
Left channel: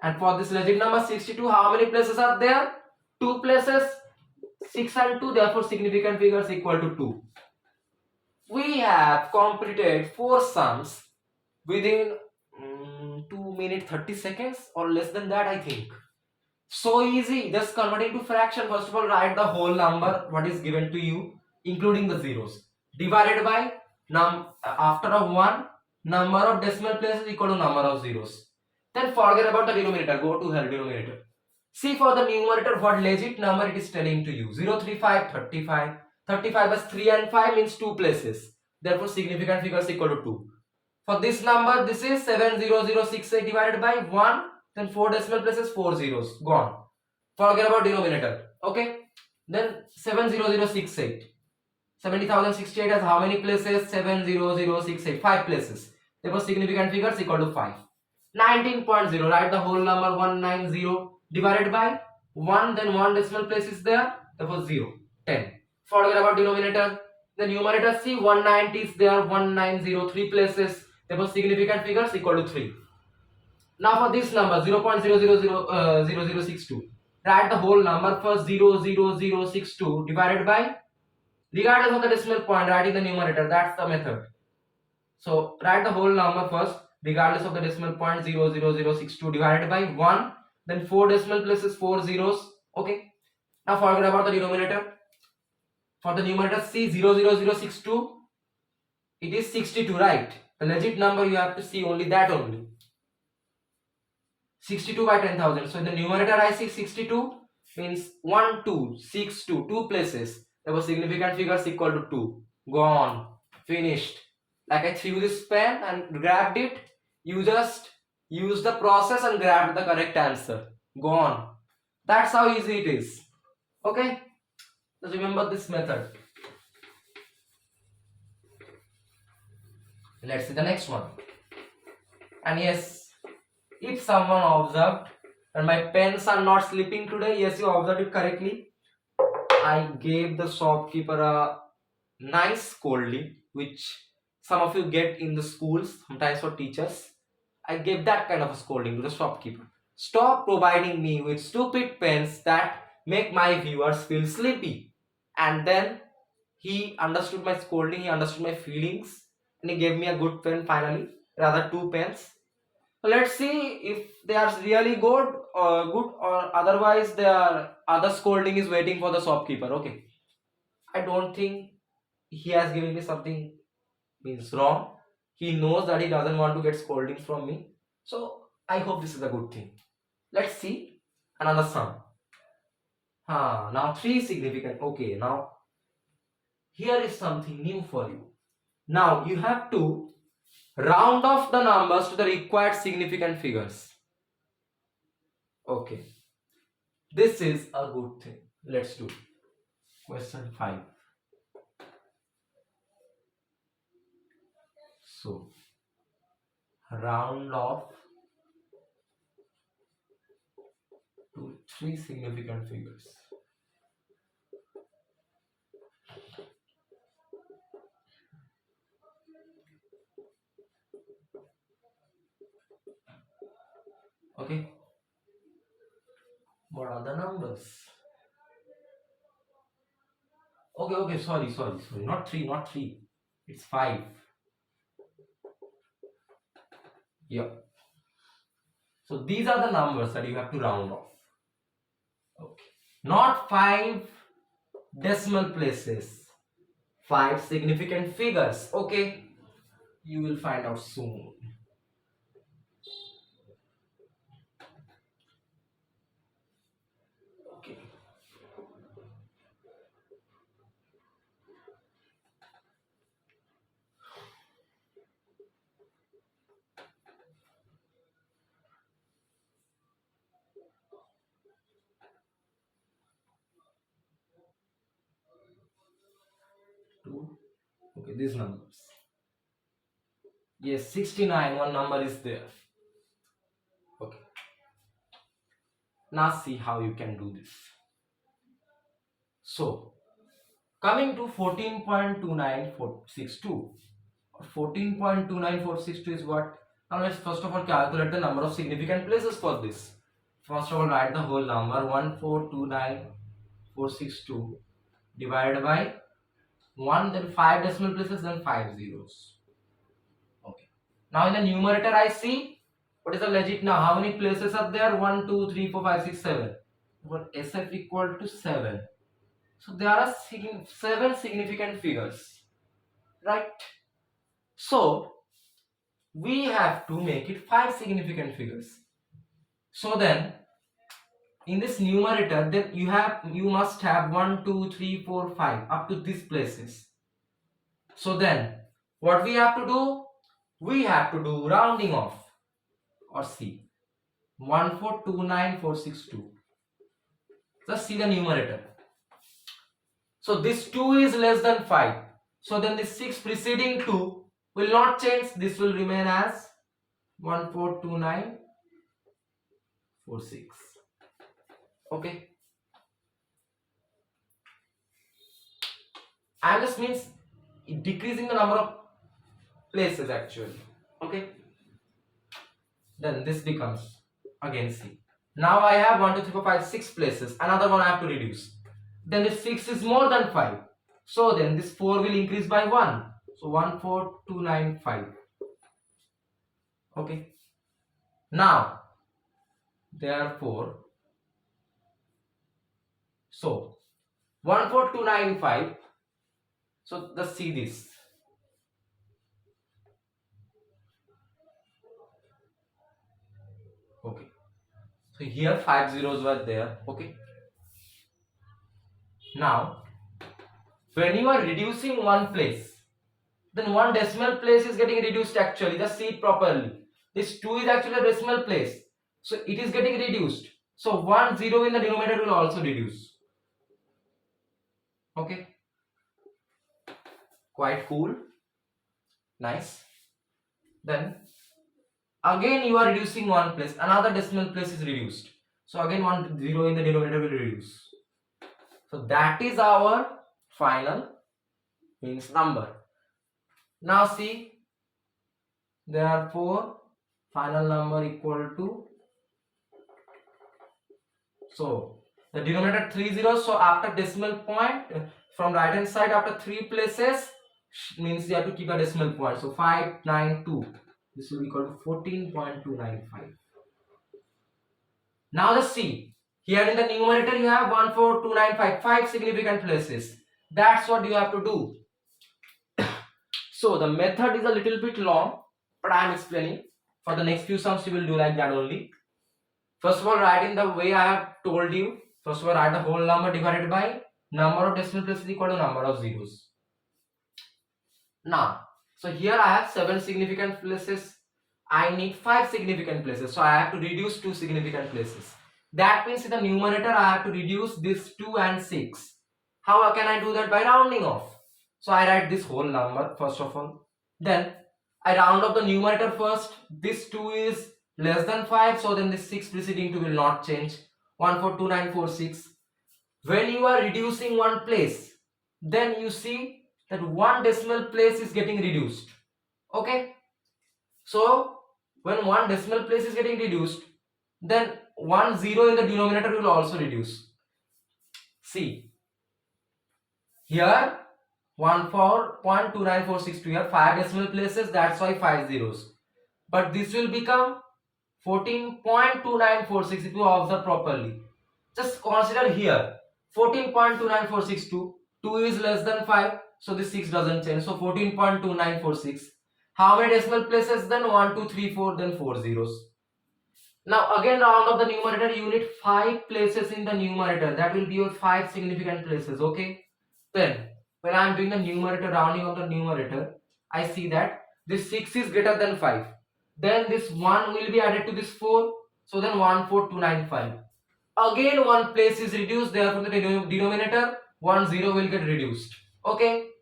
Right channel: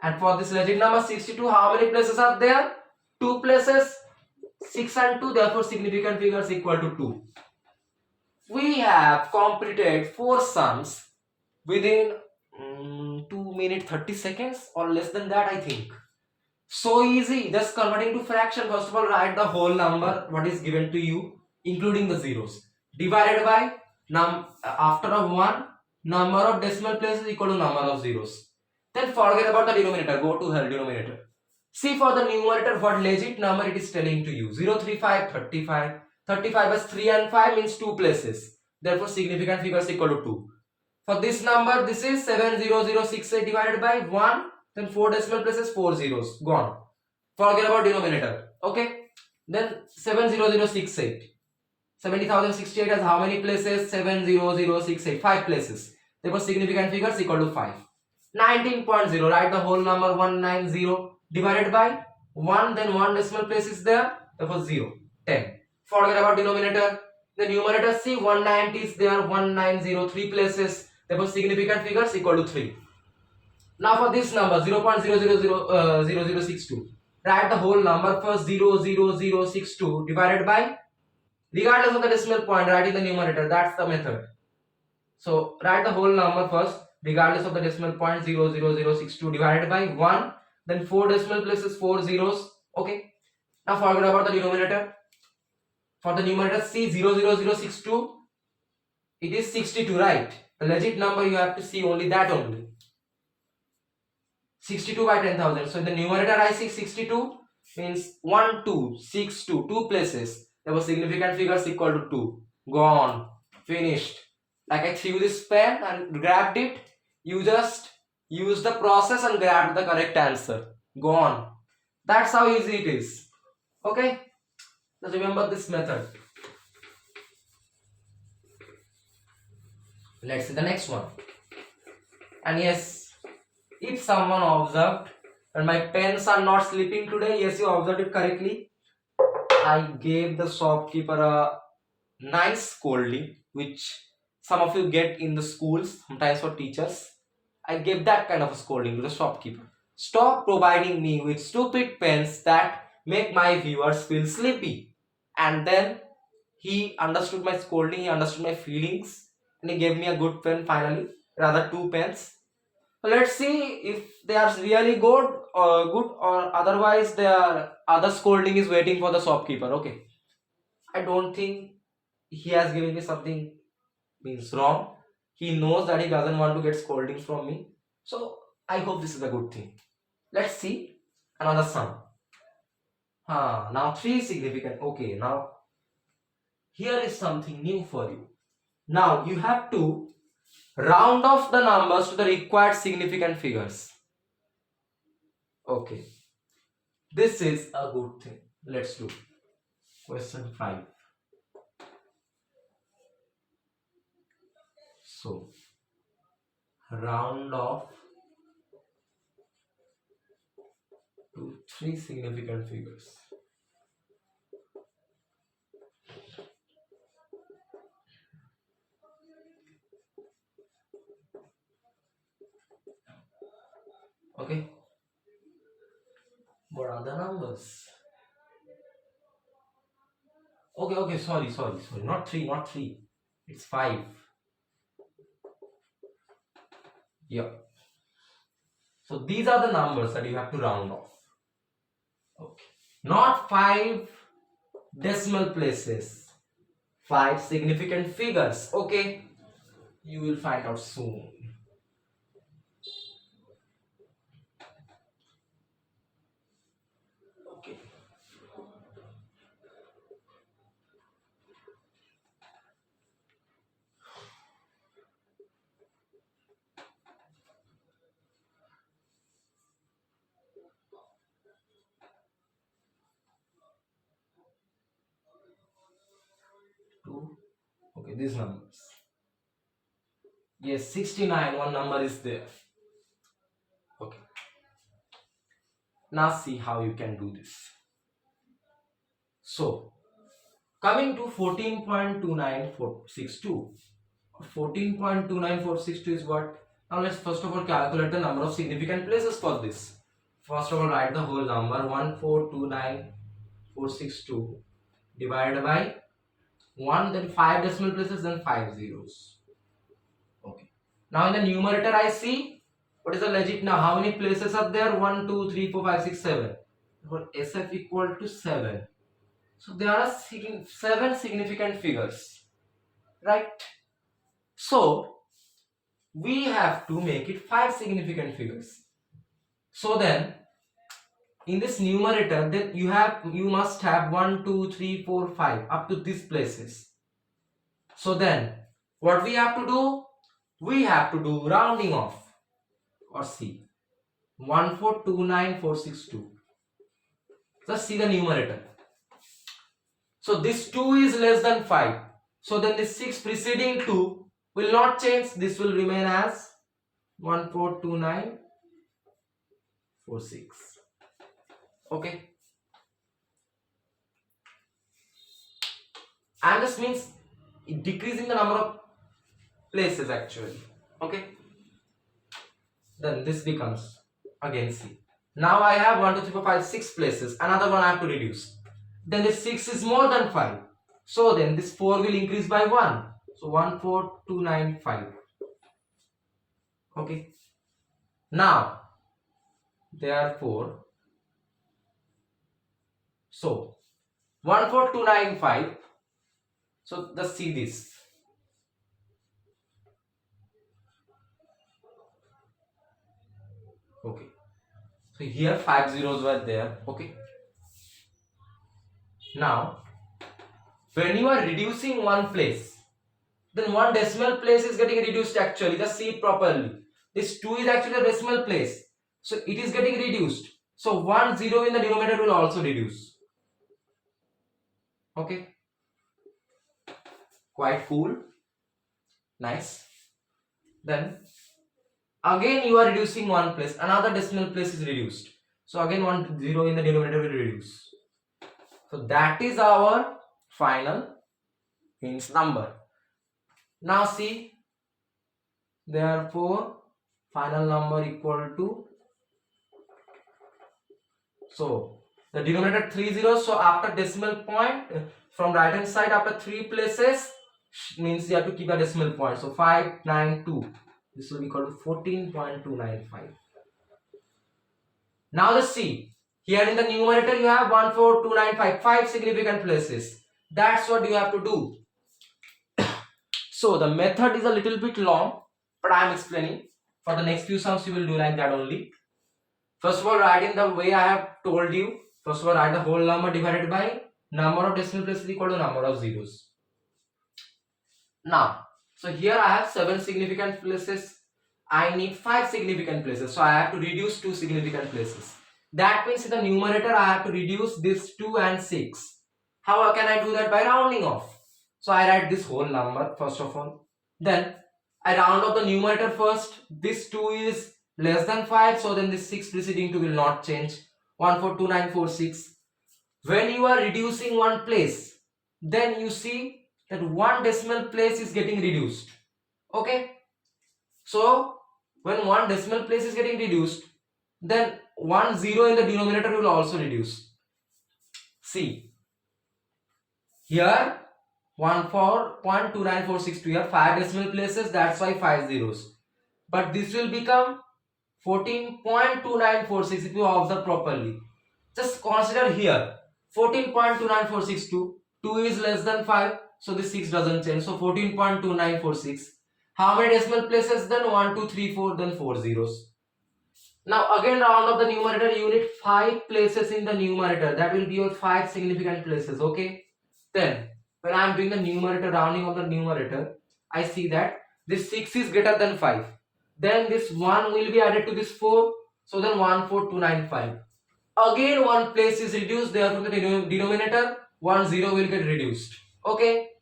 And for this legit number 62, how many places are there? 2 places. 6 and 2, therefore significant figures equal to 2. We have completed 4 sums within 2 minutes 30 seconds or less than that, I think. So easy, just converting to fraction. First of all, write the whole number what is given to you including the zeros divided by after a 1 number of decimal places equal to number of zeros. Then forget about the denominator, go to hell denominator. See for the numerator what legit number it is telling to you. 0.35, 35. 35 as 3 and 5 means 2 places. Therefore, significant figure is equal to 2. For this number, this is 70068 divided by 1. Then 4 decimal places, 4 zeros. Gone. Forget about denominator. Okay. Then 70068. 70,068 has how many places? 70068. 5 places. Therefore, significant figure is equal to 5. 19.0. Write the whole number 190 divided by 1. Then 1 decimal place is there. Therefore, 0. 10. Forget about denominator. The numerator, see 190 is there. 1903 places. Therefore, significant figure is equal to 3. Now for this number 0.0000062, write the whole number first. 00062 divided by, regardless of the decimal point, write in the numerator. That's the method. So write the whole number first, regardless of the decimal point. 00062 divided by 1. Then 4 decimal places, 4 zeros. Okay. Now forget about the denominator. For the numerator, see 00062. It is 62, right? The legit number you have to see only that only. 62 by 10,000. So in the numerator I see 62 means 1, 2, 6, 2, 2 places. There was significant figures equal to 2. Gone. Finished. Like I threw this pen and grabbed it. You just use the process and grab the correct answer. Gone. That's how easy it is. Okay? Just remember this method. Let's see the next one. And yes, if someone observed and my pens are not slipping today, yes, you observed it correctly. I gave the shopkeeper a nice scolding, which some of you get in the schools, sometimes for teachers. I gave that kind of a scolding to the shopkeeper. Stop providing me with stupid pens that make my viewers feel sleepy. And then he understood my scolding, he understood my feelings, and he gave me a good pen finally, rather 2 pens. So let's see if they are really good or otherwise their other scolding is waiting for the shopkeeper. Okay, I don't think he has given me something means wrong. He knows that he doesn't want to get scoldings from me. So I hope this is a good thing. Let's see another sum. Now 3 significant. Okay, now here is something new for you. Now you have to round off the numbers to the required significant figures. Okay, this is a good thing. Let's do question 5. So round off to 3 significant figures. Okay, what are the numbers? Okay, sorry, not 3, it's 5. Yeah, so these are the numbers that you have to round off. Okay, not 5 decimal places, 5 significant figures. Okay, you will find out soon. Okay, two. Okay, these numbers. Yes, 69, one number is there. Okay, now see how you can do this. So coming to 14.29462. 14.29462 is what? Now let's first of all calculate the number of significant places for this. First of all, write the whole number 1429462 divided by 1, then 5 decimal places, then 5 zeros. Okay. Now in the numerator I see what is the legit now. How many places are there? 1, 2, 3, 4, 5, 6, 7. For SF equal to 7. So there are 7 significant figures, right? So we have to make it 5 significant figures. So then in this numerator, then you must have 1, 2, 3, 4, 5 up to these places. So then What we have to do? We have to do rounding off, or see 1429462. Just see the numerator. So this 2 is less than 5. So then the 6 preceding 2 will not change. This will remain as 142946. Okay. And this means decreasing the number of places actually. Okay. Then this becomes again C. Now I have 1, 2, 3, 4, 5, 6 places. Another one I have to reduce. Then this 6 is more than 5. So then this 4 will increase by 1. So 14295. Okay. Now, therefore, so 14295. So let's see this. Okay. So here 5 zeros were there. Okay. Now, when you are reducing one place, then one decimal place is getting reduced actually. Just see it properly. This 2 is actually a decimal place. So it is getting reduced. So 1 0 in the denominator will also reduce. Okay. Quite cool. Nice. Then again you are reducing one place. Another decimal place is reduced. So again 1 0 in the denominator will reduce. So that is our final means number. Now see, therefore final number equal to, so the denominator 3 zeros, so after decimal point from right hand side after 3 places means you have to keep a decimal point, so 592, this will be equal to 14.295. Now let's see, here in the numerator you have 14295, 5 significant places. That's what you have to do. So the method is a little bit long, but I am explaining. For the next few sums you will do like that only. First of all, write in the way I have told you. First of all, write the whole number divided by number of decimal places equal to number of zeros. Now, so here I have 7 significant places. I need 5 significant places. So I have to reduce 2 significant places. That means in the numerator I have to reduce this 2 and 6. How can I do that? By rounding off. So I write this whole number first of all. Then I round off the numerator first. This 2 is less than 5. So then this 6 preceding 2 will not change. 142946. When you are reducing one place, then you see that one decimal place is getting reduced. Okay. So when one decimal place is getting reduced, then 1 0 in the denominator will also reduce. See, here 14.29462, here 5 decimal places, that's why 5 zeros. But this will become 14.2946 if you observe properly. Just consider here 14.29462, 2 is less than 5, so this 6 doesn't change. So 14.2946. How many decimal places then? 1, 2, 3, 4, then 4 zeros. Now again round of the numerator, you need 5 places in the numerator. That will be your 5 significant places. Okay. Then when I am doing the numerator, rounding of the numerator, I see that this 6 is greater than 5. Then this 1 will be added to this 4. So then 14295. Again one place is reduced, therefore the denominator 1 0 will get reduced. Okay.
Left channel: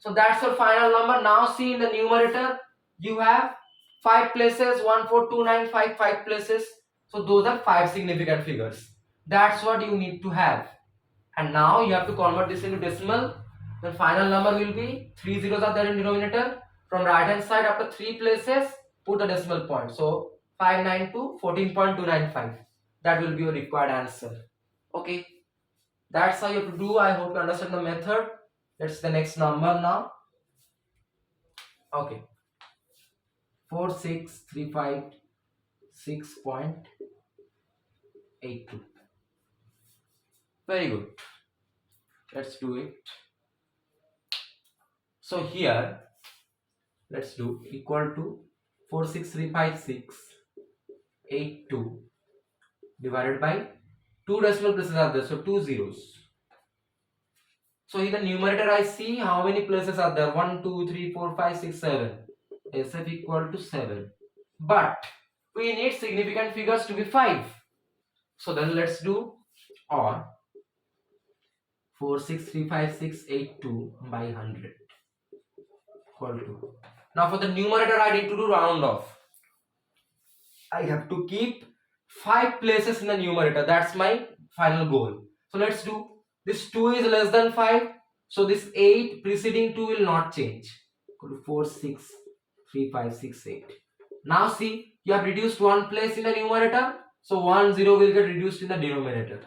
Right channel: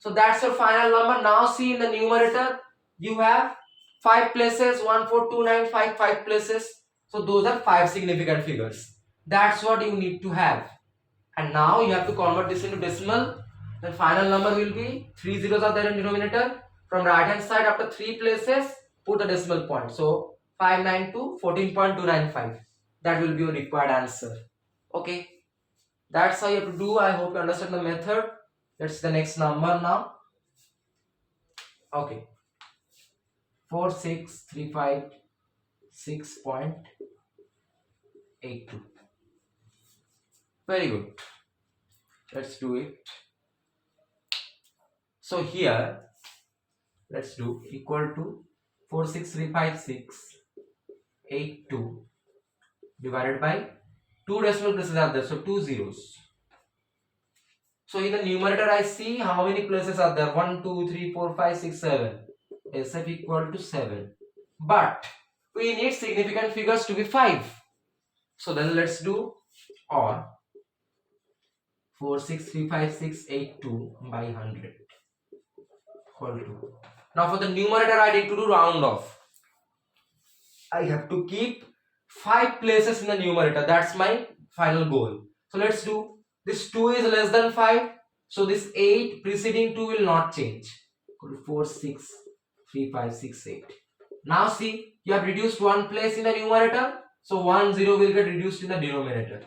So that's the final number. Now see in the numerator you have 5 places, 14295, 5 places. So those are 5 significant figures. That's what you need to have. And now you have to convert this into decimal. The final number will be 3 zeros are there in denominator. From right hand side after 3 places, put the decimal point. So 592, 14.295. That will be your required answer. Okay. That's how you have to do. I hope you understand the method. That's the next number now. Okay. 46356.82. Very good. Let's do it. So here, let's do equal to 46356.82 divided by 2 decimal places are there, so 2 zeros. So in the numerator I see how many places are there. 1, 2, 3, 4, 5, 6, 7. SF equal to 7. But we need significant figures to be 5. So then let's do or 4635682 by 100 equal to. Now for the numerator I need to do round off. I have to keep 5 places in the numerator. That's my final goal. So let's do. This 2 is less than 5. So this 8 preceding 2 will not change. Equal to 4, 6, 3, 5, 6, 8. Now see, you have reduced 1 place in the numerator. So 1, 0 will get reduced in the denominator.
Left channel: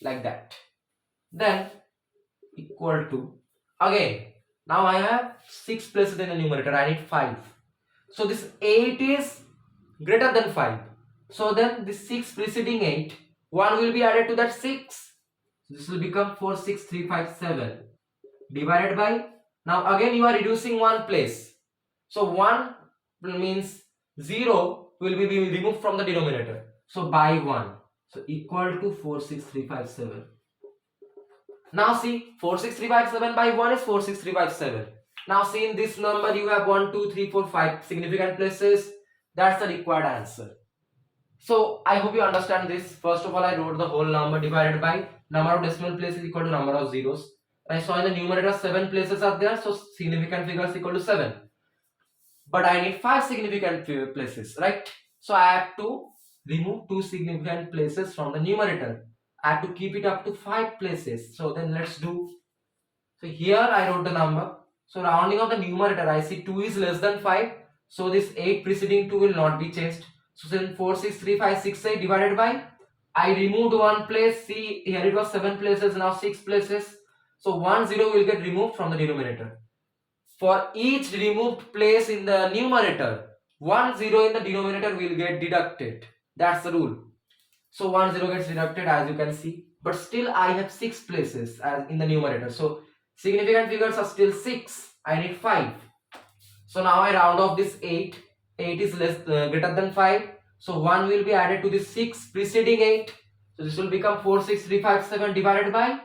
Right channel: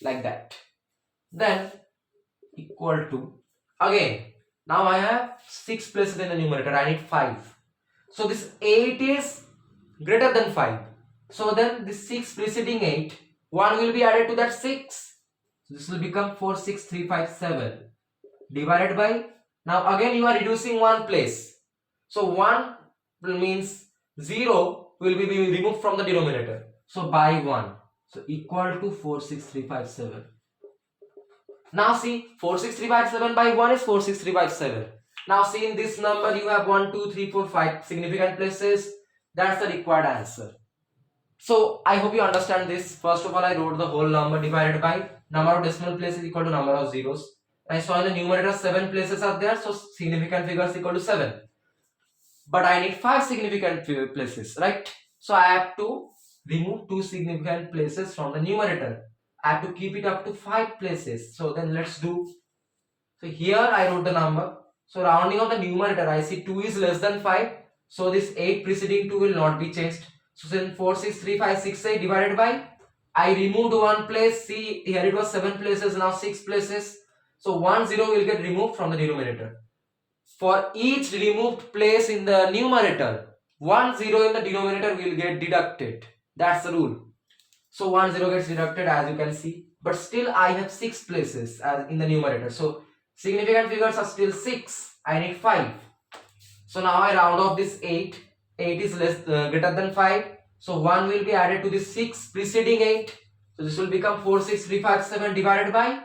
Like that. Then equal to. Again, now I have 6 places in the numerator. I need 5. So this 8 is greater than 5. So then this 6 preceding 8, 1 will be added to that 6. So this will become 46357 divided by, now again you are reducing 1 place. So 1 means 0 will be removed from the denominator. So by 1. So equal to 46357. Now see, 46357 by 1 is 46357. Now see, in this number you have 1, 2, 3, 4, 5 significant places. That's the required answer. So I hope you understand this. First of all, I wrote the whole number divided by number of decimal places equal to number of zeros. I saw in the numerator 7 places are there, so significant figures equal to 7. But I need 5 significant places, right? So I have to remove 2 significant places from the numerator. I have to keep it up to 5 places. So then let's do. So here I wrote the number. So rounding of the numerator, I see 2 is less than 5. So this 8 preceding 2 will not be changed. So since 46358 divided by, I removed 1 place. See, here it was 7 places, now 6 places. So 1 0 will get removed from the denominator. For each removed place in the numerator, 1 0 in the denominator will get deducted. That's the rule. So 1 0 gets deducted, as you can see. But still I have 6 places as in the numerator. So significant figures are still 6. I need 5. So now I round off this 8. 8 is greater than 5. So 1 will be added to the 6 preceding 8. So this will become 46357 divided by.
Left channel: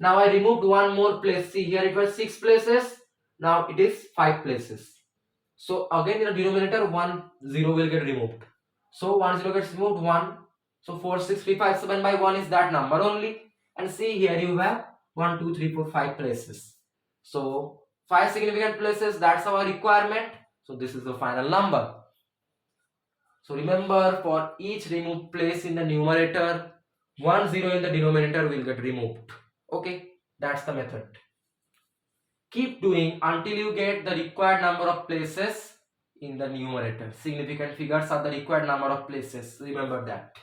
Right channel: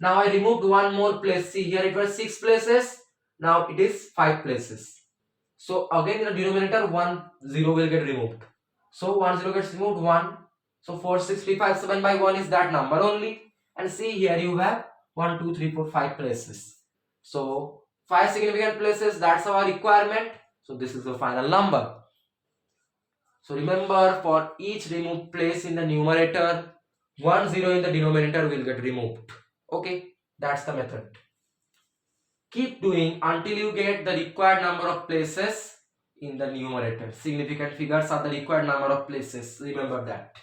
Now I removed 1 more place. See, here it was 6 places. Now it is 5 places. So again in the denominator 1 0 will get removed. So 1 0 gets removed, 1. So 46357 by 1 is that number only. And see, here you have 1, 2, 3, 4, 5 places. So 5 significant places, that's our requirement. So this is the final number. So remember, for each removed place in the numerator, 1 0 in the denominator will get removed. Okay, that's the method. Keep doing until you get the required number of places in the numerator. Significant figures are the required number of places. Remember that.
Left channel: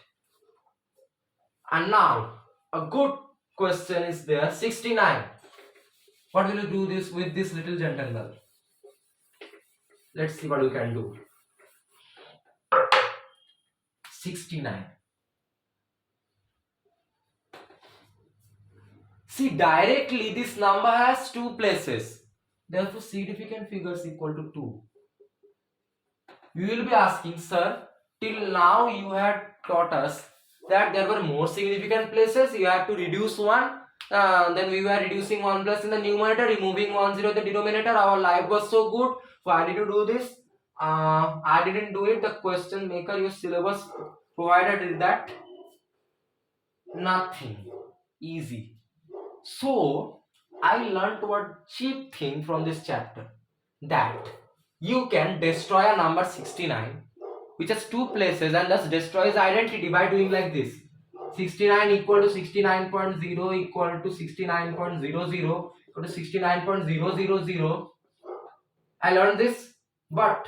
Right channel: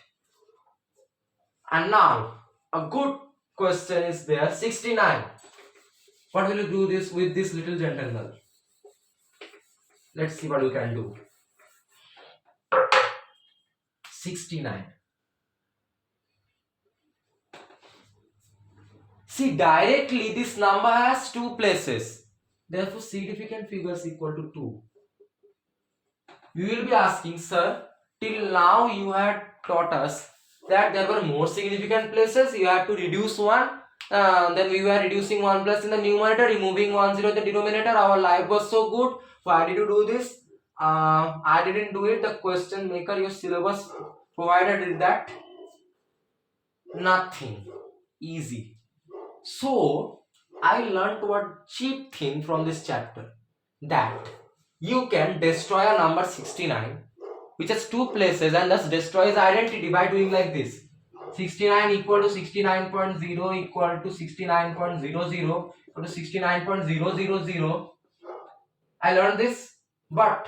And now, a good question is there. 69. What will you do this with this little gentleman? Let's see what we can do. 69. See, directly this number has 2 places. Therefore, significant figures equal to 2. We will be asking, sir, till now you had taught us that there were more significant places. You had to reduce 1. Then we were reducing 1 place in the numerator, removing 1 0 in the denominator. Our life was so good. Why did you do this? I didn't do it. The question maker, your syllabus provided that. Nothing. Easy. So I learned one cheap thing from this chapter, that you can destroy a number 69 which has 2 places and thus destroy its identity by doing like this. 69 equal to 69.0 equal to 69.00 equal to 69.000. I learned this, but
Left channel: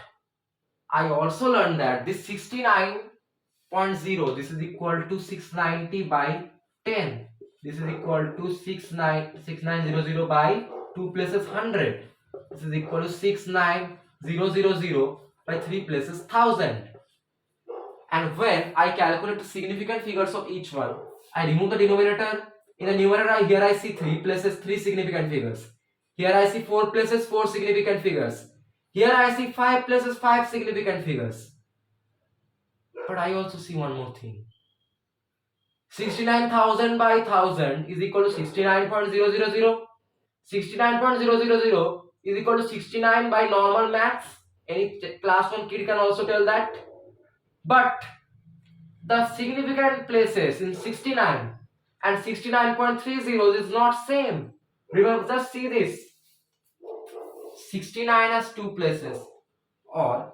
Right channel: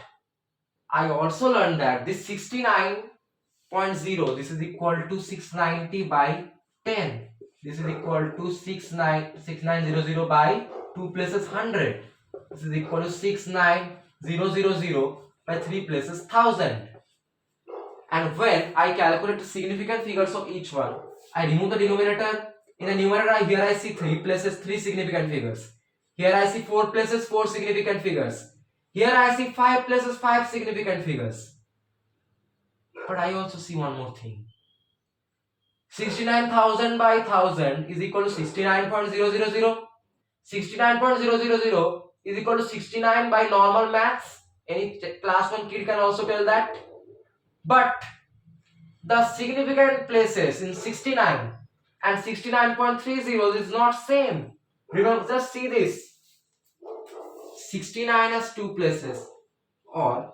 I also learned that this 69.0, this is equal to 690 by 10. This is equal to 6900 by 2 places 100. This is equal to 69000 by 3 places 1000. And when I calculate the significant figures of each one, I remove the denominator. In the numerator, here I see 3 places, 3 significant figures. Here I see 4 places, 4 significant figures. Here I see 5 places, 5 significant figures. But I also see one more thing. 69,000 by 1000 is equal to 69.000. 69.000 is equal to 69 by normal maths. Any class 1 kid can also tell that. But the significant places in 69 and 69.30 is not same. Remember, just see this. 69 has two places, or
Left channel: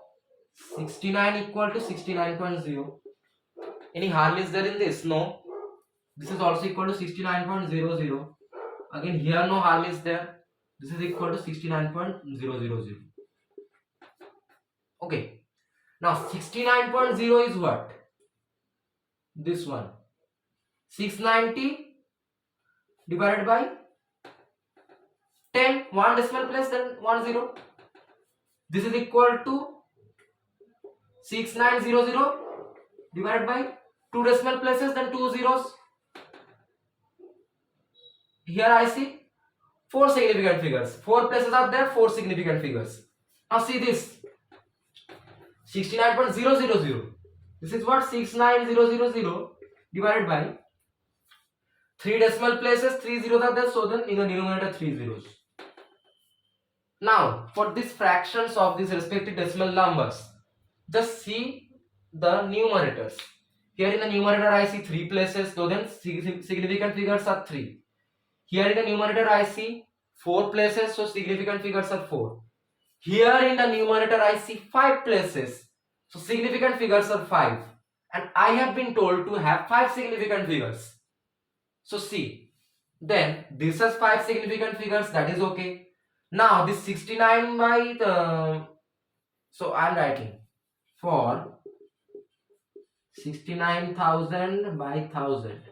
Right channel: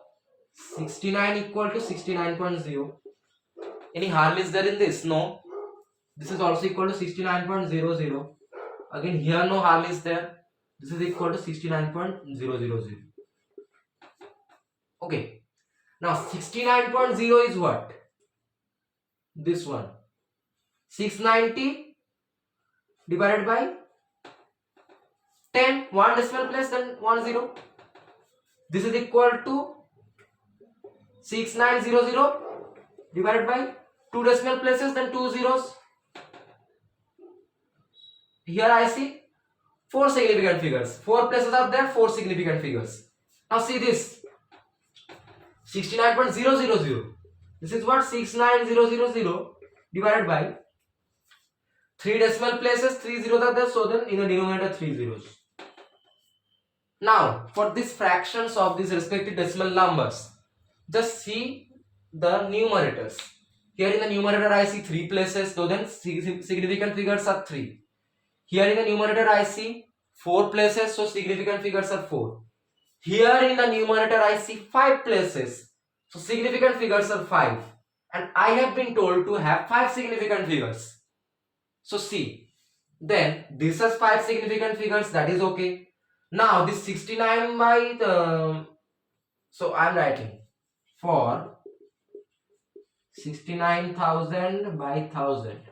69 equal to 69.0. Any harm is there in this? No. This is also equal to 69.00. Again, here no harm is there. This is equal to 69.000. Okay. Now 69.0 is what? This one. 690 divided by 10. One decimal place, then 10. This is equal to 6900 divided by 2 decimal places, then 2 zeros. Here I see 4 significant figures. 4 places are there, 4 significant figures. Now see this. 69.000. This is what? 69000 divided by 3 decimal places, 3 zeros are there, so then in the denominator 3 zeros. Now for these fractions of these respective decimal numbers, just see the numerators. Here in the numerator I see 3 places, so then significant figures are 3. Here in the numerator I see 4 places, so significant figures are 4. Here in the numerator I see 5 places, so significant figures are 5. And I have been told to have 5 significant figures. So see, then this has 5 significant figures, that is okay. Now this 69 by so I am writing for 69,000 by 1000.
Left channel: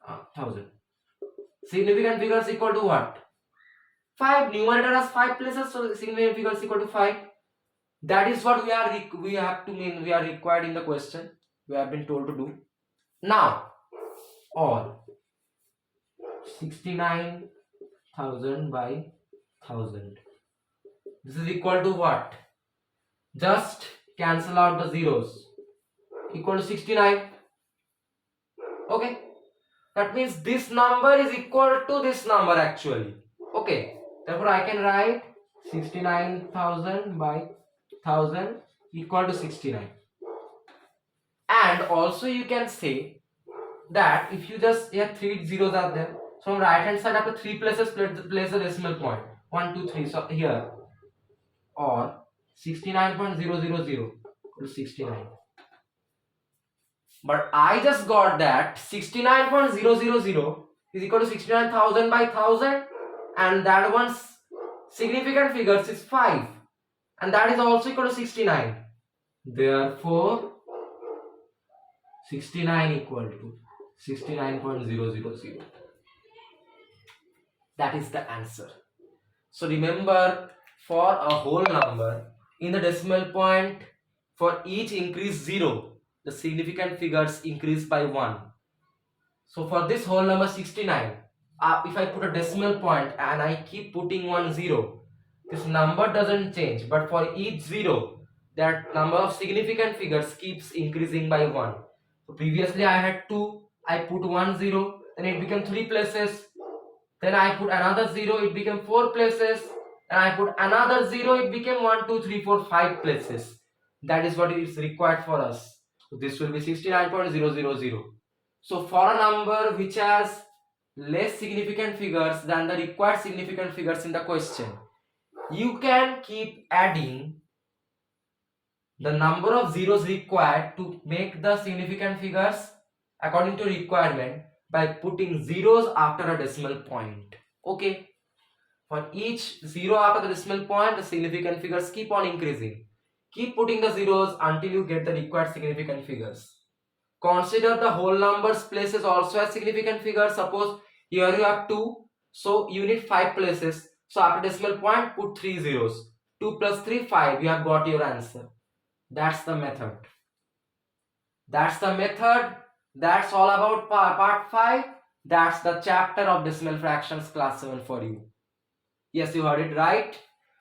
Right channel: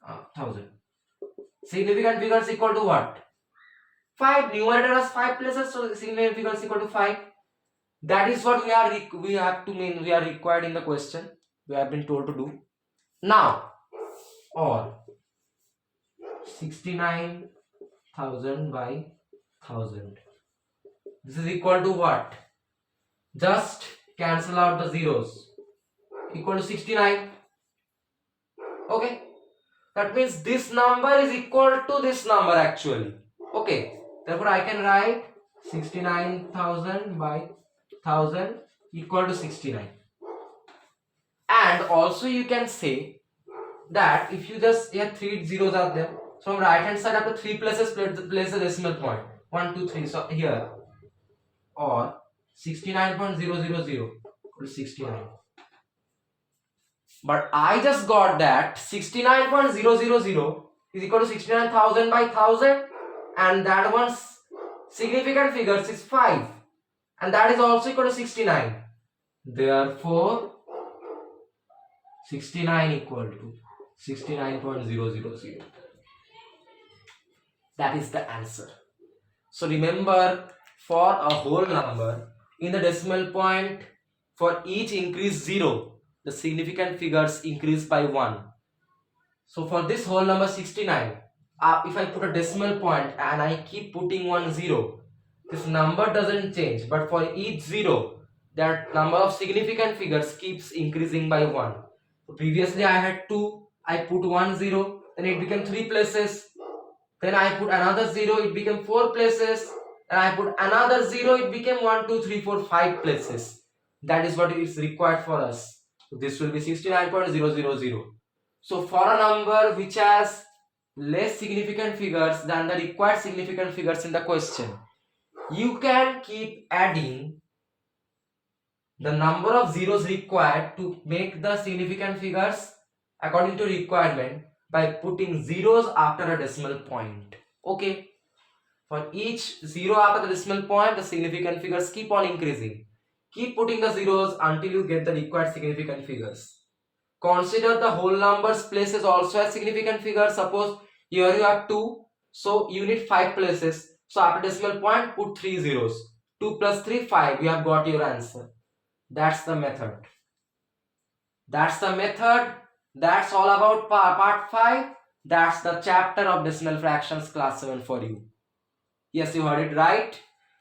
1000. Significant figures equal to what? 5. Numerator has 5 places, so significant figures equal to 5. That is what we are required in the question. We have been told to do. Now, or 69,000 by 1000. This is equal to what? Just cancel out the zeros. Equal to 69. Okay. That means this number is equal to this number actually. Okay. Therefore, I can write 69,000 by 1000 equal to 69. And also you can say that if you just, here 3 zeros are there. So from right hand side after 3 places, place a decimal point. 1, 2, 3. So here, or 69.000 equal to 69. But I just got that 69.000 is equal to 69,000 by 1000, and that one's significant figures is 5, and that is also equal to 69. Therefore 69 equal to 69.000. That is the answer. So remember, for a whole number in the decimal point, for each increase 0, the significant figures increase by 1. So for this whole number 69, if I put a decimal point and I keep putting 1 0, this number doesn't change, but for each 0, that number of significant figures keeps increasing by 1. So previously I had 2, I put 1 0, then it became 3 places, then I put another 0, it became 4 places, and I put another 0, it became 1 2 3 4 5 places. That is what is required for us. So this will be 69.000. So for a number which has less significant figures than the required significant figures in the question, you can keep adding the number of zeros required to make the significant figures according to requirement by putting zeros after a decimal point. Okay. For each 0 after the decimal point, the significant figures keep on increasing. Keep putting the zeros until you get the required significant figures. Consider the whole numbers places also as significant figures. Suppose here you have 2, so you need 5 places. So after decimal point, put 3 zeros. 2 plus 3, 5. You have got your answer. That's the method. That's the method. That's all about part 5. That's the chapter of decimal fractions class 7 for you. Yes, you heard it right.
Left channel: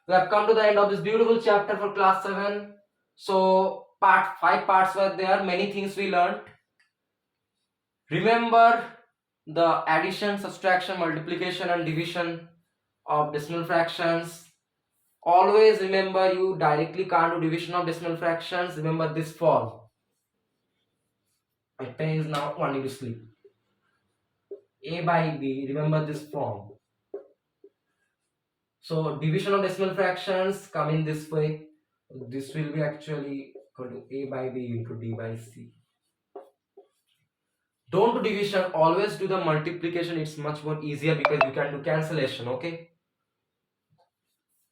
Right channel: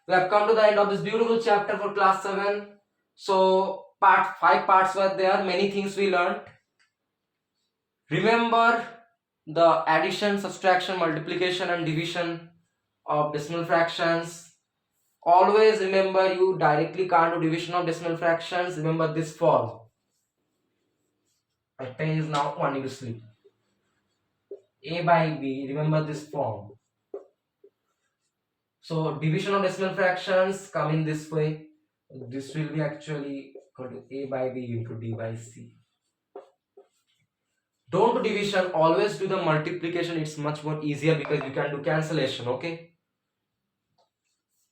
We have come to the end of this beautiful chapter for class 7. So 5 parts were there. Many things we learned. Remember the addition, subtraction, multiplication and division of decimal fractions. Always remember, you directly can't do division of decimal fractions. Remember this form. My pen is now wanting to sleep. A by B, remember this form. So division of decimal fractions come in this way. This will be actually equal to A by B into D by C. Don't do division, always do the multiplication. It's much more easier because you can do cancellation. Okay,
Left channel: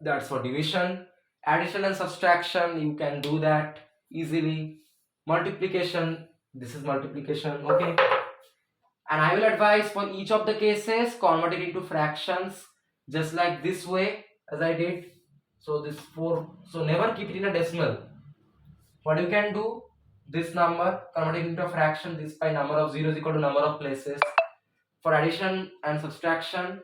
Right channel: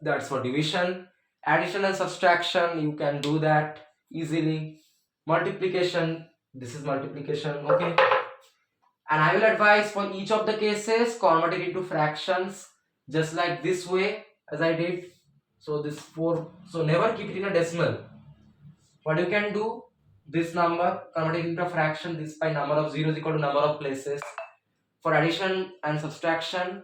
that's for division. Addition and subtraction, you can do that easily. Multiplication, this is multiplication. Okay, and I will advise for each of the cases convert it into fractions just like this way as I did. So this 4, so never keep it in a decimal. What you can do, this number convert it into a fraction, this by number of zeros equal to number of places. For addition and subtraction,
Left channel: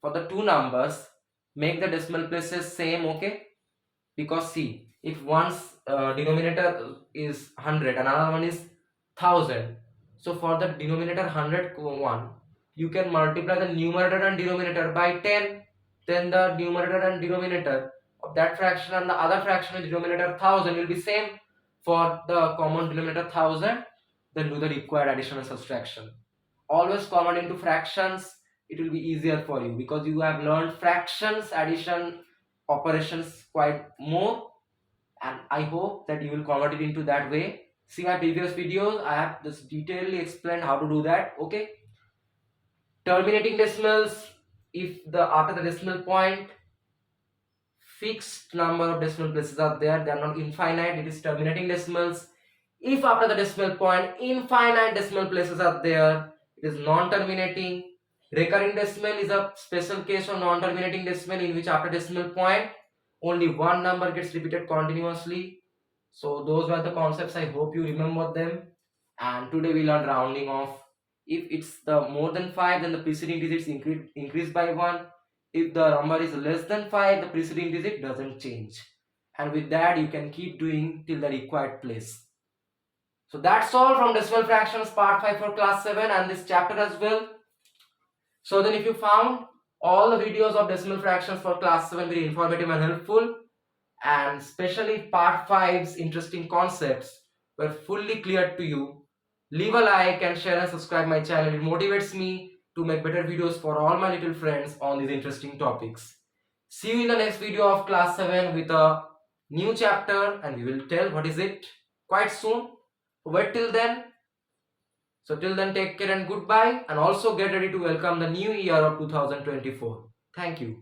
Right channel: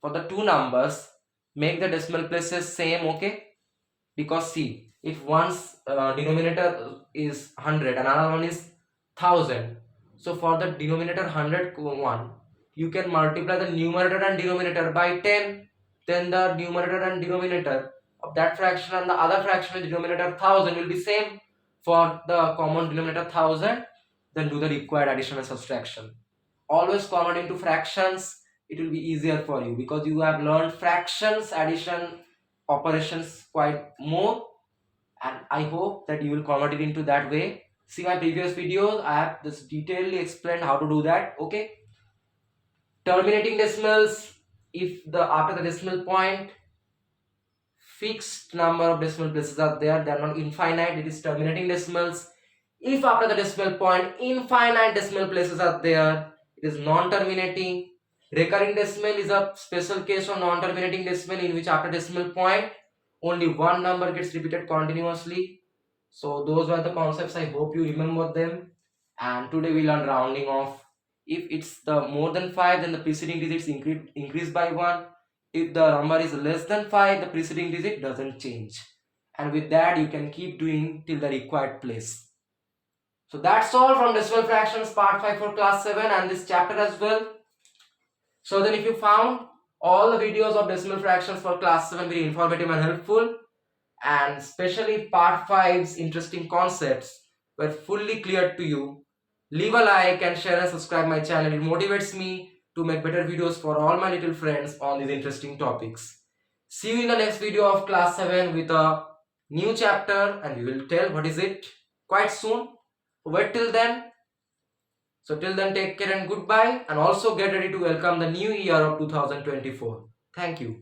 for the two numbers, make the decimal places same. Okay, because see, if one's denominator is 100 another one is 1000, so for the denominator 100 one, you can multiply the numerator and denominator by 10, then the numerator and denominator of that fraction and the other fraction with denominator 1000 will be same. For the common denominator 1000, then do the required addition and subtraction. Always convert into fractions, it will be easier for you because you have learned fractions addition operations quite more, and I hope that you will convert it into that way. See my previous videos, I have this detailedly explained how to do that. Okay, terminating decimals, if the after the decimal point fixed number of decimal places are there, they are not infinite, it is terminating decimals. If after the decimal point infinite decimal places are there, it is non-terminating. Recurring decimal is a special case of non-terminating decimal in which after decimal point only one number gets repeated continuously. So those were the concepts, I hope you remember them. And today we learned rounding off. If it's the more than 5, then the preceding digits increase by 1. If the number is less than 5, the preceding digit doesn't change. And with that you can keep doing till the required place. So that's all from decimal fractions part 5 for class 7 and this chapter as well. So then if you found all the videos of decimal fractions for class 7 very informative and helpful, and especially part 5's interesting concepts were fully clear to you, leave a like and share and subscribe my channel. It motivates me to make better videos for all my little friends on these interesting topics. See you in the next video of class 7 with a new chapter, and we will tell what is it quite soon. Wait till then. So till then, take care and goodbye, and also get ready to welcome the new year of 2024. Thank you.